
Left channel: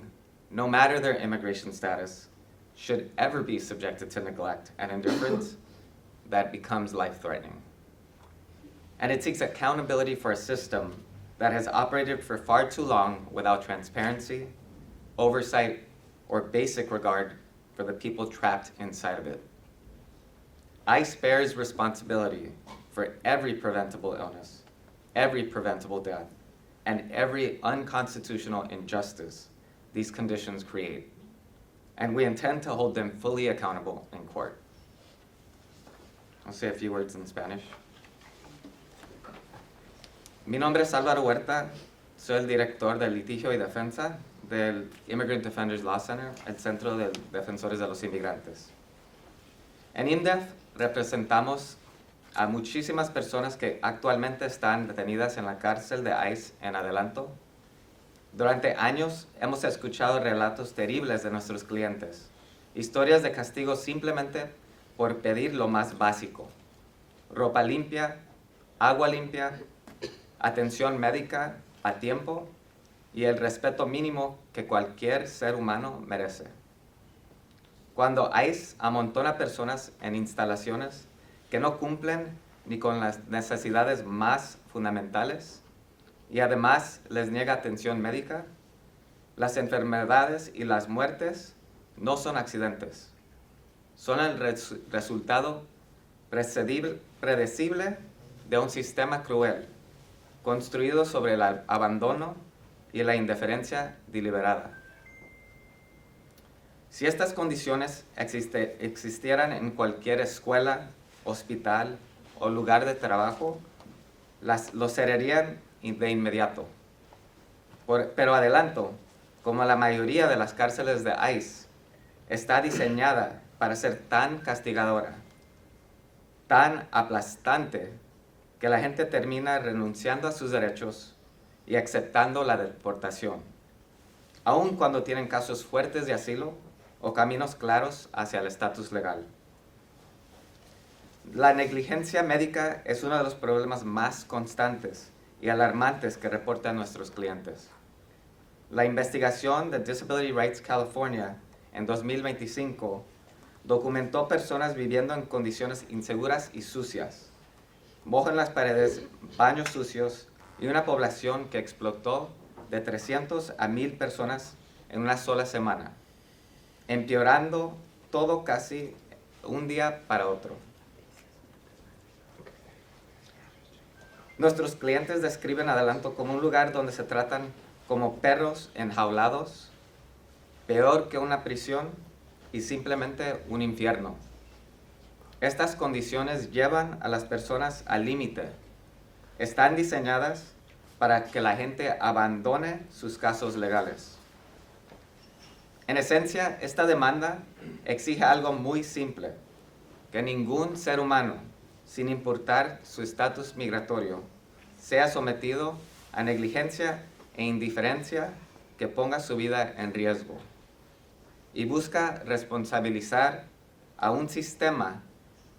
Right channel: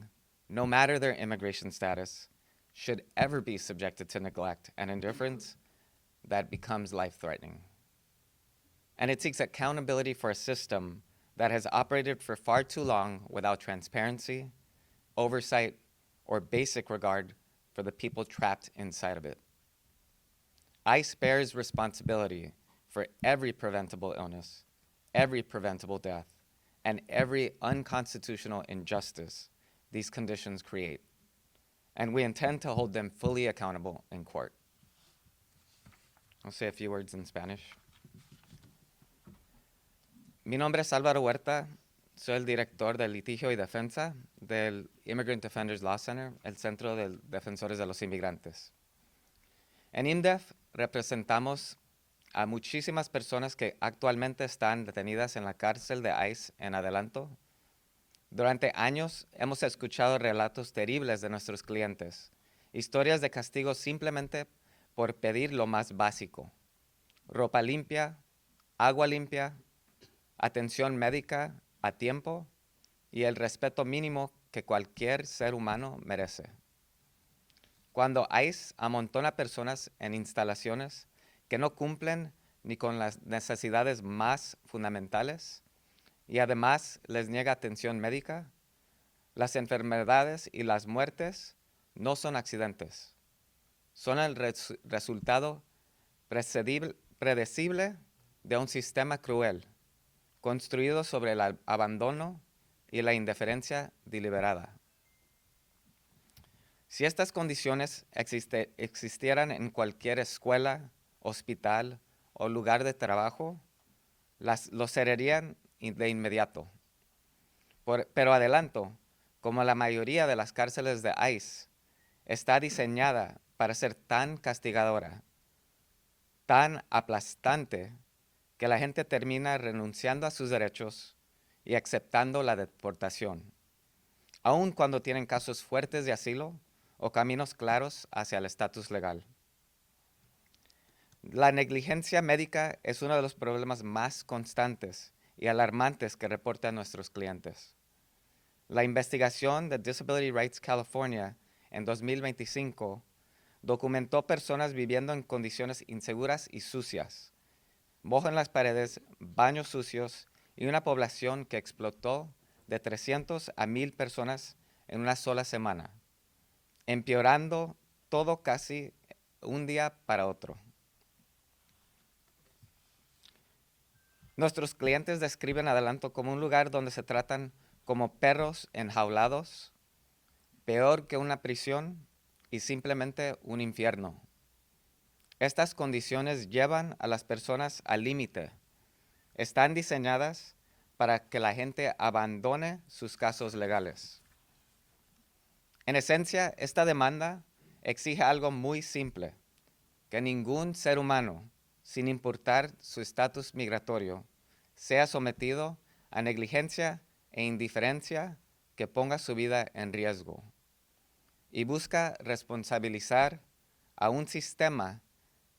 no matter their immigration status, should ever be subjected to neglect and indifference that becomes life-threatening. And it seeks accountability for a system that has operated for far too long without transparency, oversight, or basic regard for the people trapped inside of it. ICE bears responsibility for every preventable illness, every preventable death, and every unconstitutional injustice these conditions create. And we intend to hold them fully accountable in court. I'll say a few words in Spanish. Mi nombre es Álvaro Huerta, soy el director de litigio y defensa del Immigrant Defenders Law Center, el Centro de Defensores de los Inmigrantes. En ImmDef representamos a muchísimas personas que actualmente están detenidas en la cárcel de ICE en Adelanto. Durante años hemos escuchado relatos terribles de nuestros clientes, historias de castigo simplemente por pedir lo más básico: ropa limpia, agua limpia, atención médica a tiempo y el respeto mínimo que cualquier ser humano merece. Cuando ICE amontona personas en instalaciones que no cumplen ni con las necesidades más fundamentales y además les niega atención médica, las enfermedades y las muertes no son accidentes. Son el resultado predecible de un sistema cruel, construido sobre el abandono y la indiferencia deliberada. Si estas condiciones existieran en cualquier escuela, hospital o lugar de trabajo, lo serían de inmediato. Pero Adelanto, como la mayoría de las cárceles de ICE, está diseñada para ser tan castigadora, tan aplastante, que la gente termina renunciando a sus derechos y aceptando la deportación, aun cuando tienen casos fuertes de asilo o caminos claros hacia el estatus legal. La negligencia médica es uno de los problemas más constantes y alarmantes que reportan nuestros clientes. La investigación de Disability Rights California en 2025 documentó personas viviendo en condiciones inseguras y sucias, mojo en las paredes, baños sucios y una población que explotó de 300 a 1,000 personas en una sola semana, empeorando todo casi un día para otro. Nuestros clientes describen Adelanto como un lugar donde se tratan como perros enjaulados, peor que una prisión y simplemente un infierno. Estas condiciones llevan a las personas al límite. Están diseñadas para que la gente abandone sus casos legales. En esencia, esta demanda exige algo muy simple, que ningún ser humano, sin importar su estatus migratorio, sea sometido a negligencia e indiferencia que ponga su vida en riesgo. Y busca responsabilizar a un sistema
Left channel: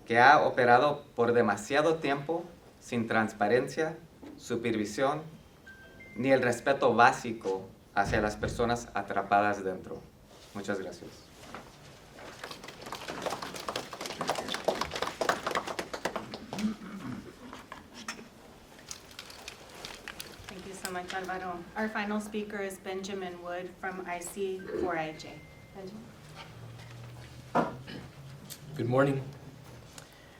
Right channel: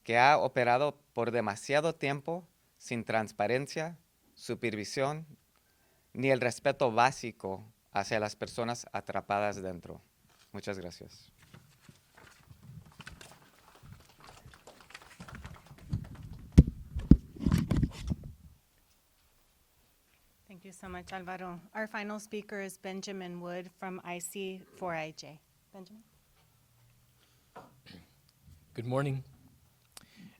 que ha operado por demasiado tiempo sin transparencia, supervisión, ni el respeto básico hacia las personas atrapadas dentro. Muchas gracias. Thank you so much, Alvaro. Our final speaker is Benjamin Wood from IC4IJ. Benjamin? Good morning.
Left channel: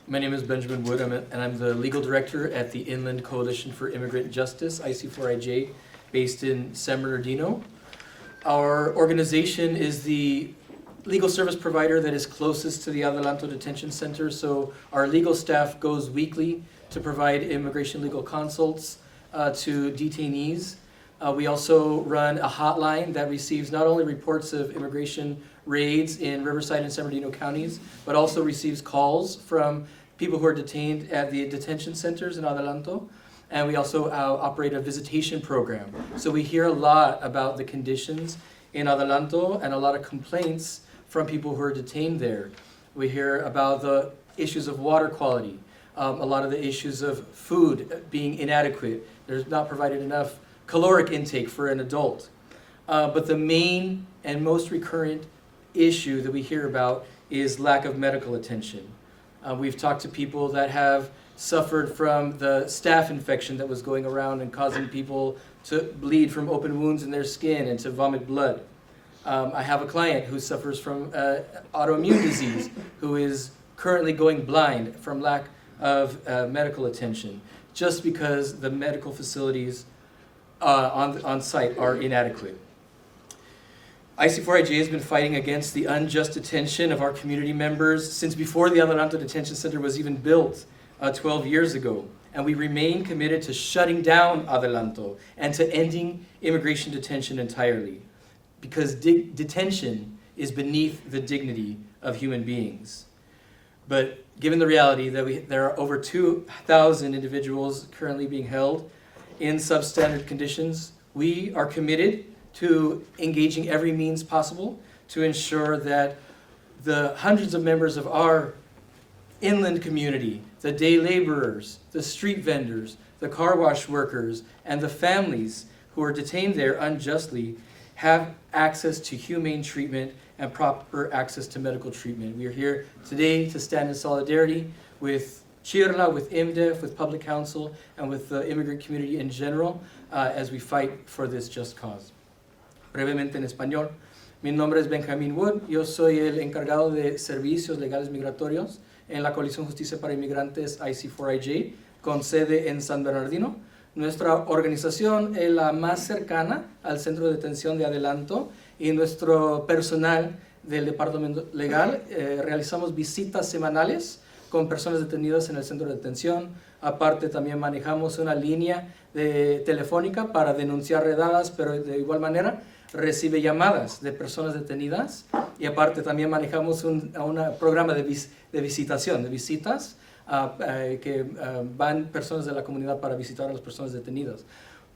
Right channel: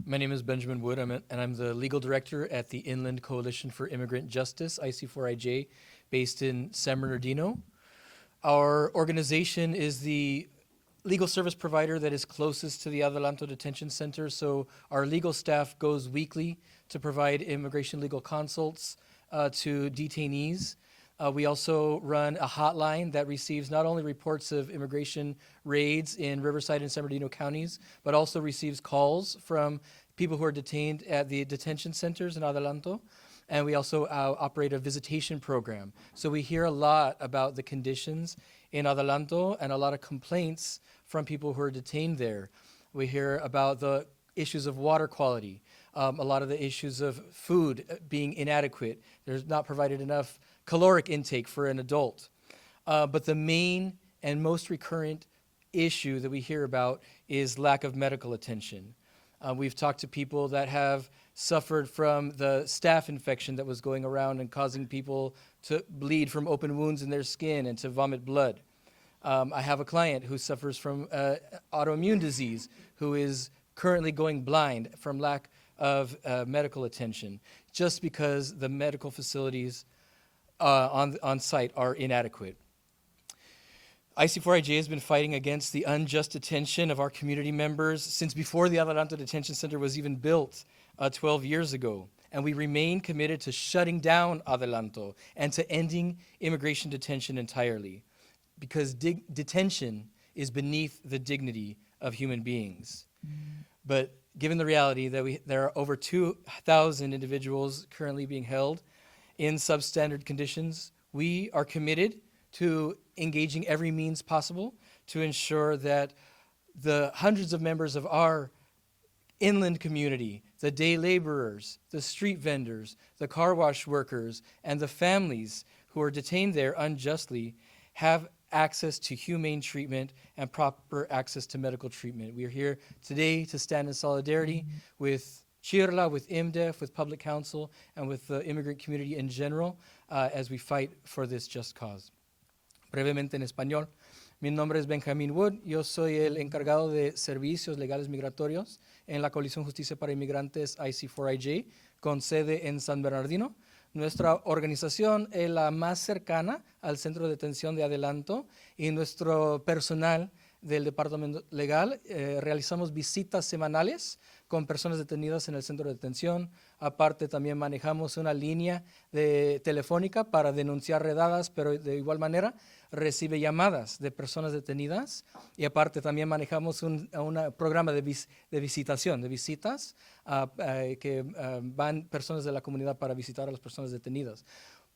My name is Benjamin Wood, and I'm the legal director at the Inland Coalition for Immigrant Justice, IC4IJ, based in San Bernardino. Our organization is the legal service provider that is closest to the Adelanto Detention Center, so our legal staff goes weekly to provide immigration legal consults to detainees. We also run a hotline that receives not only reports of immigration raids in Riverside and San Bernardino counties, but also receives calls from people who are detained at the detention centers in Adelanto. And we also operate a visitation program. So we hear a lot about the conditions in Adelanto and a lot of complaints from people who are detained there. We hear about the issues of water quality, a lot of the issues of food being inadequate. There's not provided enough caloric intake for an adult. But the main and most recurrent issue that we hear about is lack of medical attention. We've talked to people that have suffered from the staph infection that was going around and causing people to bleed from open wounds in their skin and to vomit blood. I have a client who suffers from autoimmune disease who is currently going blind from lack of medical attention just because the medical facilities on site are inadequate. IC4IJ has been fighting against the unjust detention of our community members since before the Adelanto Detention Center was even built 12 years ago. And we remain committed to shutting down Adelanto and to ending immigration detention entirely. Because detention is beneath the dignity of human beings. But given the reality that there are over 2,000 individuals currently being held in substandard conditions, we are committed to engaging every means possible to ensure that the hundreds of members of our inland community, the day laborers, the street vendors, the car wash workers, and the families who are detained there unjustly have access to humane treatment and proper access to medical treatment. We are here today to stand in solidarity with CHIRLA, with ImmDef, with Public Counsel, and with the immigrant community in general as we fight for this just cause. Brevemente en español. Mi nombre es Benjamin Wood, yo soy el encargado de servicios legales migratorios en la Coalición Justicia para Inmigrantes IC4IJ, con sede en San Bernardino. Nuestra organización es la más cercana al centro de detención de Adelanto y nuestro personal del departamento legal realizamos visitas semanales con personas detenidas en el centro de detención. Aparte también manejamos una línea telefónica para denunciar redadas, pero de igual manera recibe llamadas de personas detenidas, y aparte también manejamos un programa de visitación, de visitas que van personas de la comunidad para visitar a las personas detenidas.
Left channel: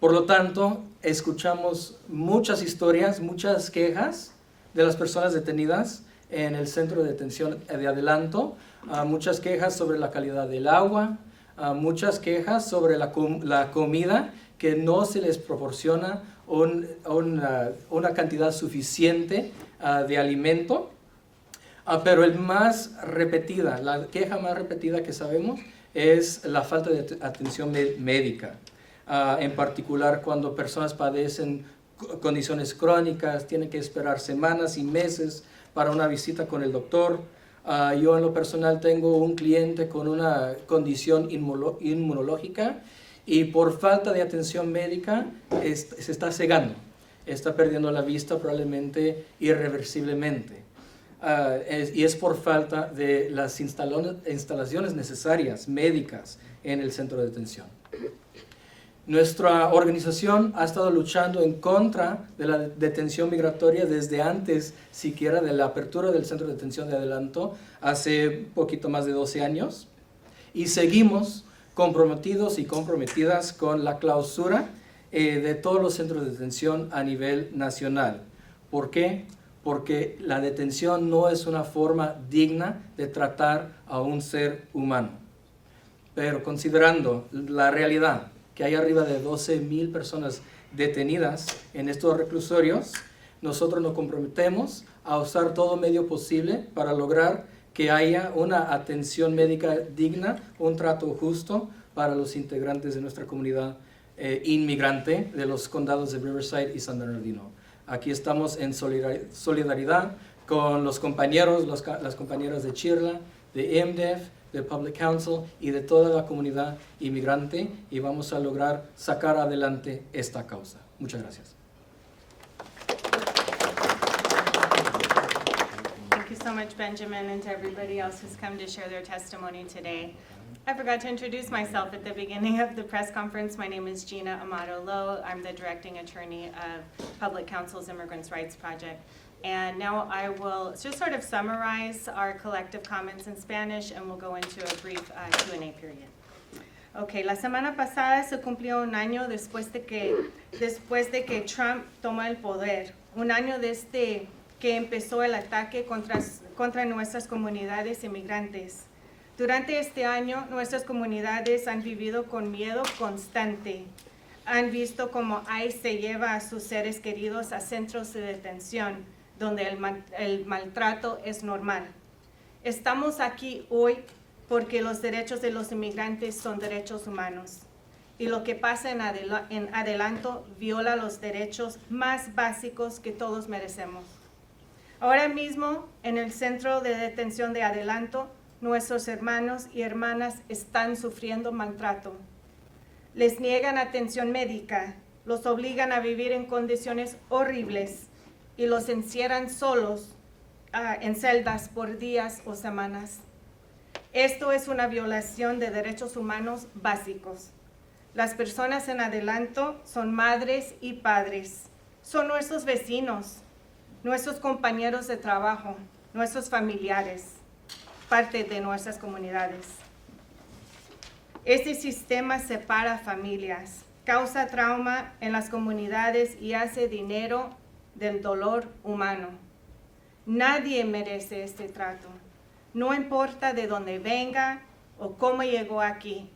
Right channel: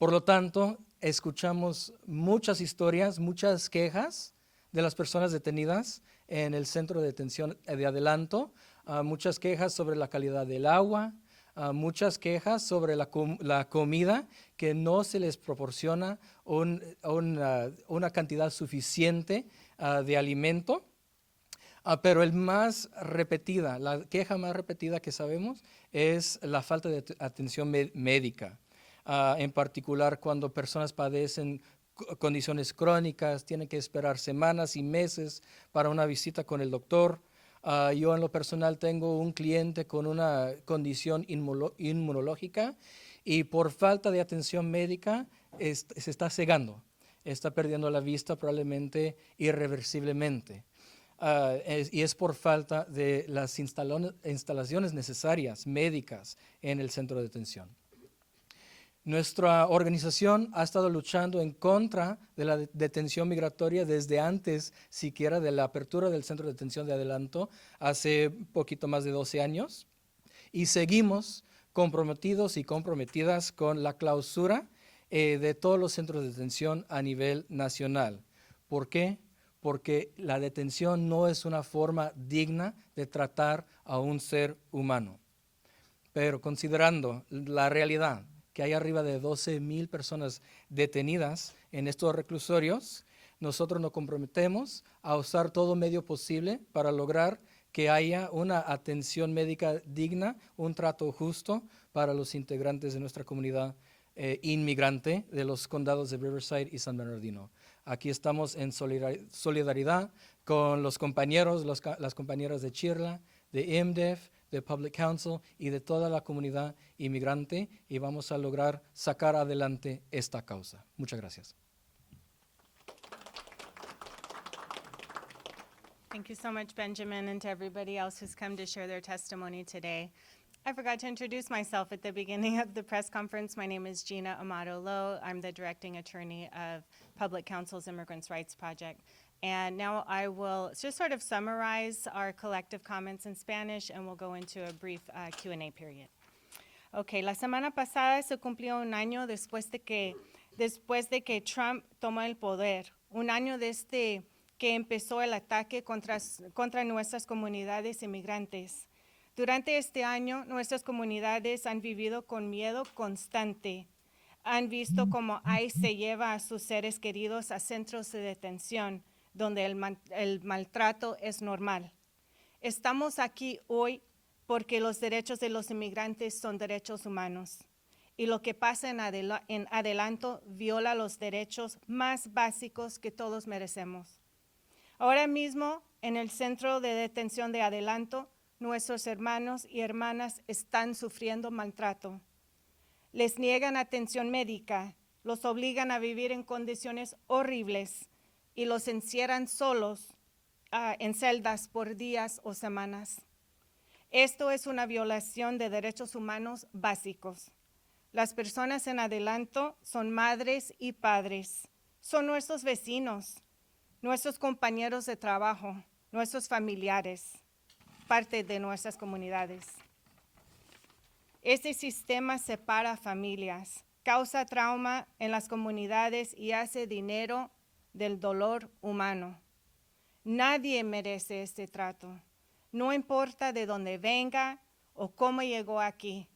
Por lo tanto, escuchamos muchas historias, muchas quejas de las personas detenidas en el centro de detención de Adelanto, muchas quejas sobre la calidad del agua, muchas quejas sobre la comida, que no se les proporciona una cantidad suficiente de alimento, pero la queja más repetida que sabemos es la falta de atención médica, en particular cuando personas padecen condiciones crónicas, tienen que esperar semanas y meses para una visita con el doctor. Yo en lo personal tengo un cliente con una condición inmunológica y por falta de atención médica se está cegando, está perdiendo la vista probablemente irreversiblemente. Y es por falta de las instalaciones necesarias médicas en el centro de detención. Nuestra organización ha estado luchando en contra de la detención migratoria desde antes siquiera de la apertura del centro de detención de Adelanto, hace poquito más de 12 años, y seguimos comprometidos y comprometidas con la clausura de todos los centros de detención a nivel nacional. ¿Por qué? Porque la detención no es una forma digna de tratar a un ser humano. Pero considerando la realidad que hay arriba de 12,000 personas detenidas en estos reclusorios, nosotros nos comprometemos a usar todo medio posible para lograr que haya una atención médica digna, un trato justo para los integrantes de nuestra comunidad inmigrante de los condados de Riverside y San Bernardino. Aquí estamos en solidaridad con los compañeros, las compañeras de CHIRLA, de ImmDef, de Public Counsel y de toda la comunidad inmigrante, y vamos a lograr sacar adelante esta causa. Muchas gracias. Thank you so much, Benjamin, and to everybody else who's come to share their testimony today. I forgot to introduce myself at the beginning of the press conference. My name is Gina Amato-Lowe. I'm the directing attorney of Public Counsel's Immigrant Rights Project. And now I will just sort of summarize our collective comments in Spanish, and we'll go into a brief Q&A period. Okay, la semana pasada se cumplió un año después de que Trump tomó el poder, un año desde que empezó el ataque contra nuestras comunidades inmigrantes. Durante este año, nuestras comunidades han vivido con miedo constante. Han visto cómo ICE se lleva a sus seres queridos a centros de detención, donde el maltrato es normal. Estamos aquí hoy porque los derechos de los inmigrantes son derechos humanos. Y lo que pasa en Adelanto viola los derechos más básicos que todos merecemos. Ahora mismo, en el centro de detención de Adelanto, nuestros hermanos y hermanas están sufriendo maltrato. Les niegan atención médica, los obligan a vivir en condiciones horribles y los encierran solos en celdas por días o semanas. Esto es una violación de derechos humanos básicos. Las personas en Adelanto son madres y padres, son nuestros vecinos, nuestros compañeros de trabajo, nuestros familiares, parte de nuestras comunidades. Este sistema separa familias, causa trauma en las comunidades y hace dinero del dolor humano. Nadie merece este trato, no importa de dónde venga o cómo llegó aquí.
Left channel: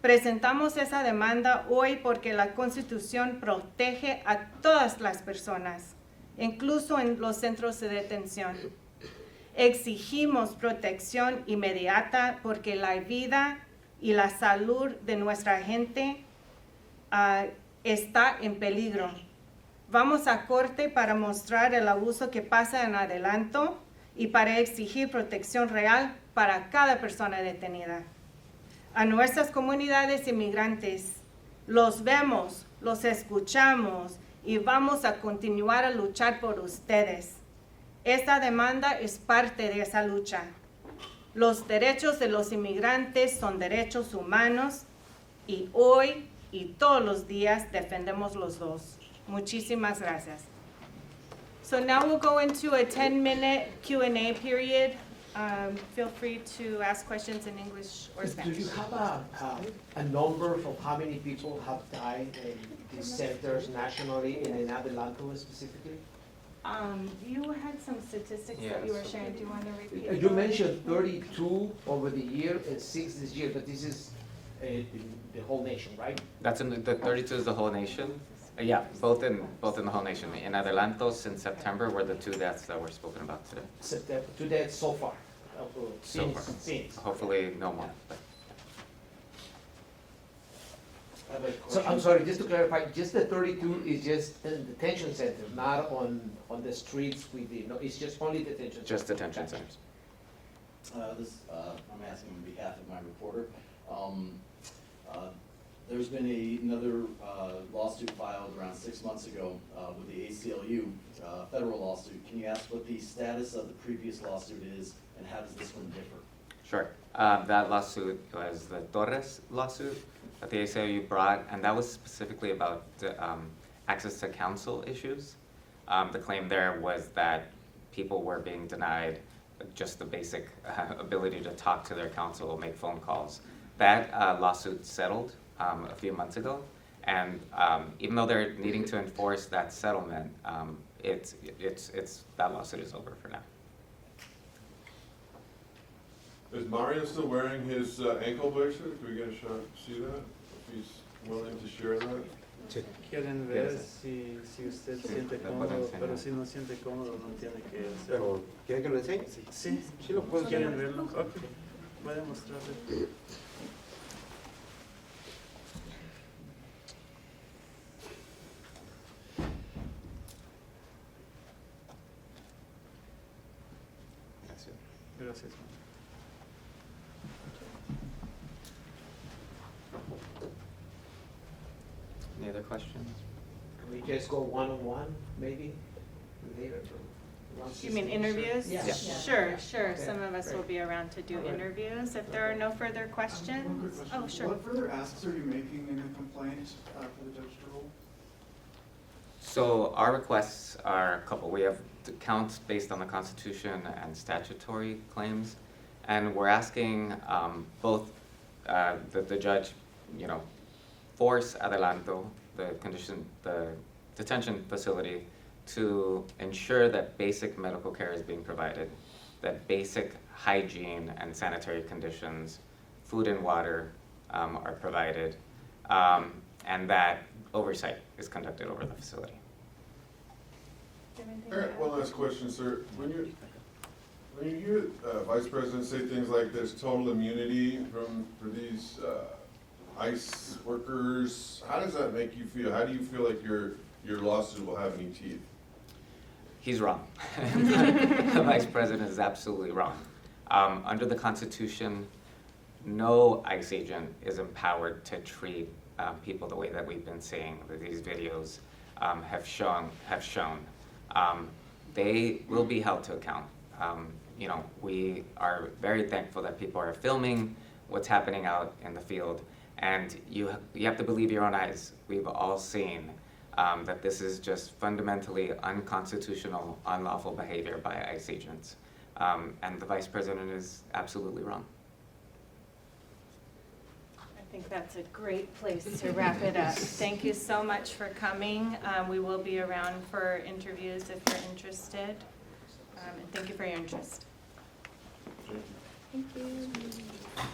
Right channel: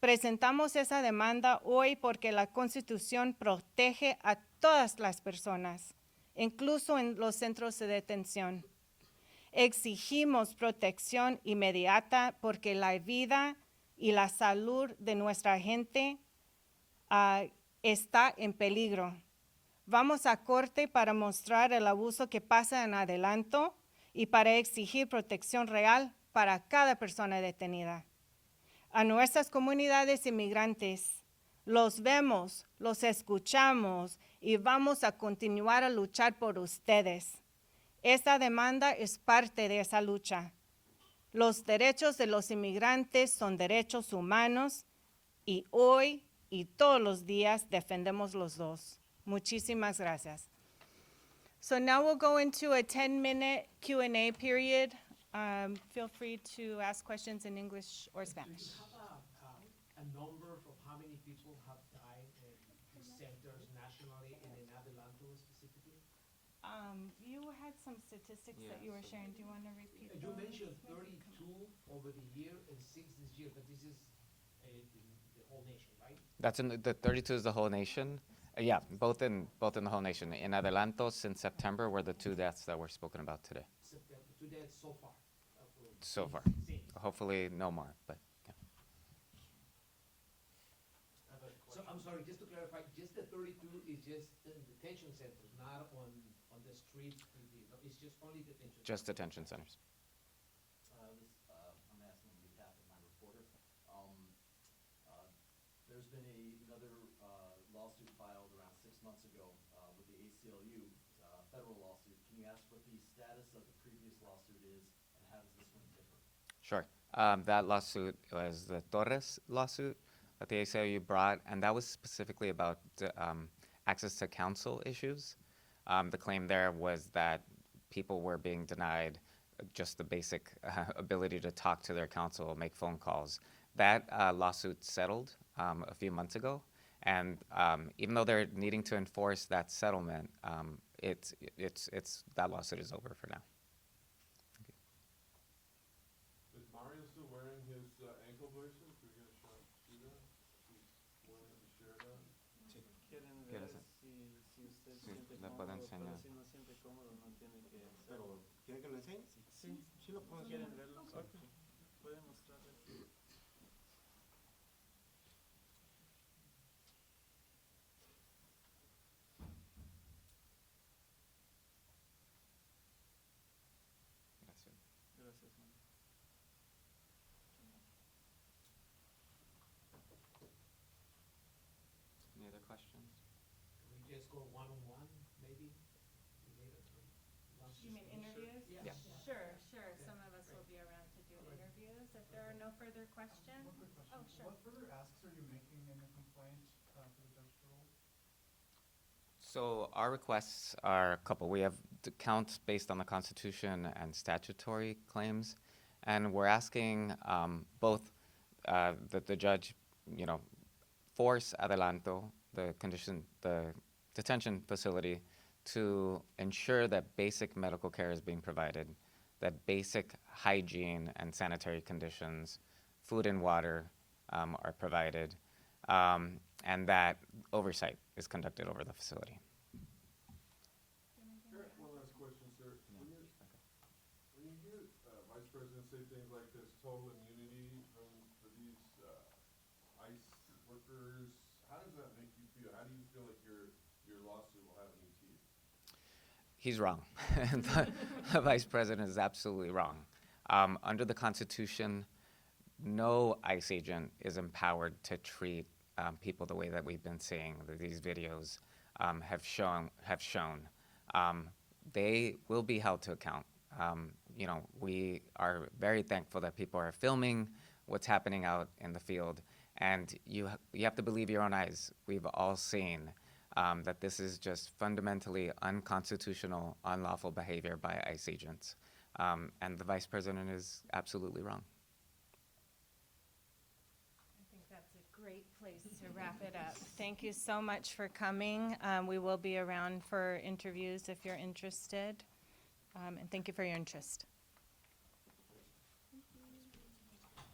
Presentamos esa demanda hoy porque la Constitución protege a todas las personas, incluso en los centros de detención. Exigimos protección inmediata porque la vida y la salud de nuestra gente está en peligro. Vamos a corte para mostrar el abuso que pasa en Adelanto y para exigir protección real para cada persona detenida. A nuestras comunidades inmigrantes, los vemos, los escuchamos y vamos a continuar a luchar por ustedes. Esta demanda es parte de esa lucha. Los derechos de los inmigrantes son derechos humanos y hoy y todos los días defendemos los dos. Muchísimas gracias. So now we'll go into a 10-minute Q&A period. Feel free to ask questions in English or Do Spanish. you have a number of how many people have died in these centers nationally and in Adelanto specifically? You had some statistics that you were sharing. Do you want to repeat? You those? mentioned 32 over the year and 6 this year, but this is in the whole nation, right? That's in the 32 is the whole nation. Yeah, both in the whole nation. In Adelanto, since September, were the 2 deaths that were spoken about today. September, to that so far. So far. Since. Hopefully, no more. But So I'm sorry, just to clarify, just the 32 is just in detention centers, not on the streets with the, no, it's just only detention. just centers. detention centers. I'm asking on behalf of my reporter. There's been another lawsuit filed around 6 months ago with the ACLU, federal lawsuit. Can you ask what the status of the previous lawsuit is, and how does this one differ? Sure. That lawsuit was the Torres lawsuit that the ACLU brought, and that was specifically about access to counsel issues. The claim there was that people were being denied just the basic ability to talk to their counsel, make phone calls. That lawsuit settled a few months ago, and even though they're needing to enforce that settlement, that lawsuit is over for now. Is Mario still wearing his ankle bracelet? Can we get a shot, see that? If he's willing to share that? Quieren ver si usted siente cómodo, pero si no siente cómodo no tiene que hacerlo. ¿Quiere que lo enseñe? Sí, Sí lo puedo ¿quieren enseñar. verlo? Ok, puede mostrarle. Gracias. Any other questions? Can we just go one-on-one, maybe, later? You mean interviews? Yeah. Yeah. Sure, sure. Okay, Some of us will be around to do interviews. If there are no further questions. Oh, sure. What further asks are you making in a complaint for the judge to rule? So our requests are a couple. We have counts based on the Constitution and statutory claims, and we're asking both the judge, force Adelanto, the detention facility, to ensure that basic medical care is being provided, that basic hygiene and sanitary conditions, food and water are provided, and that oversight is conducted over the facility. All right, one last question, sir. When you hear Vice President say things like there's total immunity for these ICE workers, how does that make you feel? How do you feel like your lawsuit will have any teeth? He's wrong. The Vice President is absolutely wrong. Under the Constitution, no ICE agent is empowered to treat people the way that we've been seeing that these videos have shown. They will be held to account. We are very thankful that people are filming what's happening out in the field, and you have to believe your own eyes. We've all seen that this is just fundamentally unconstitutional, unlawful behavior by ICE agents. And the Vice President is absolutely wrong. I think that's a great place to wrap it up. Thank you so much for coming. We will be around for interviews if you're interested. And thank you for your interest. Thank you.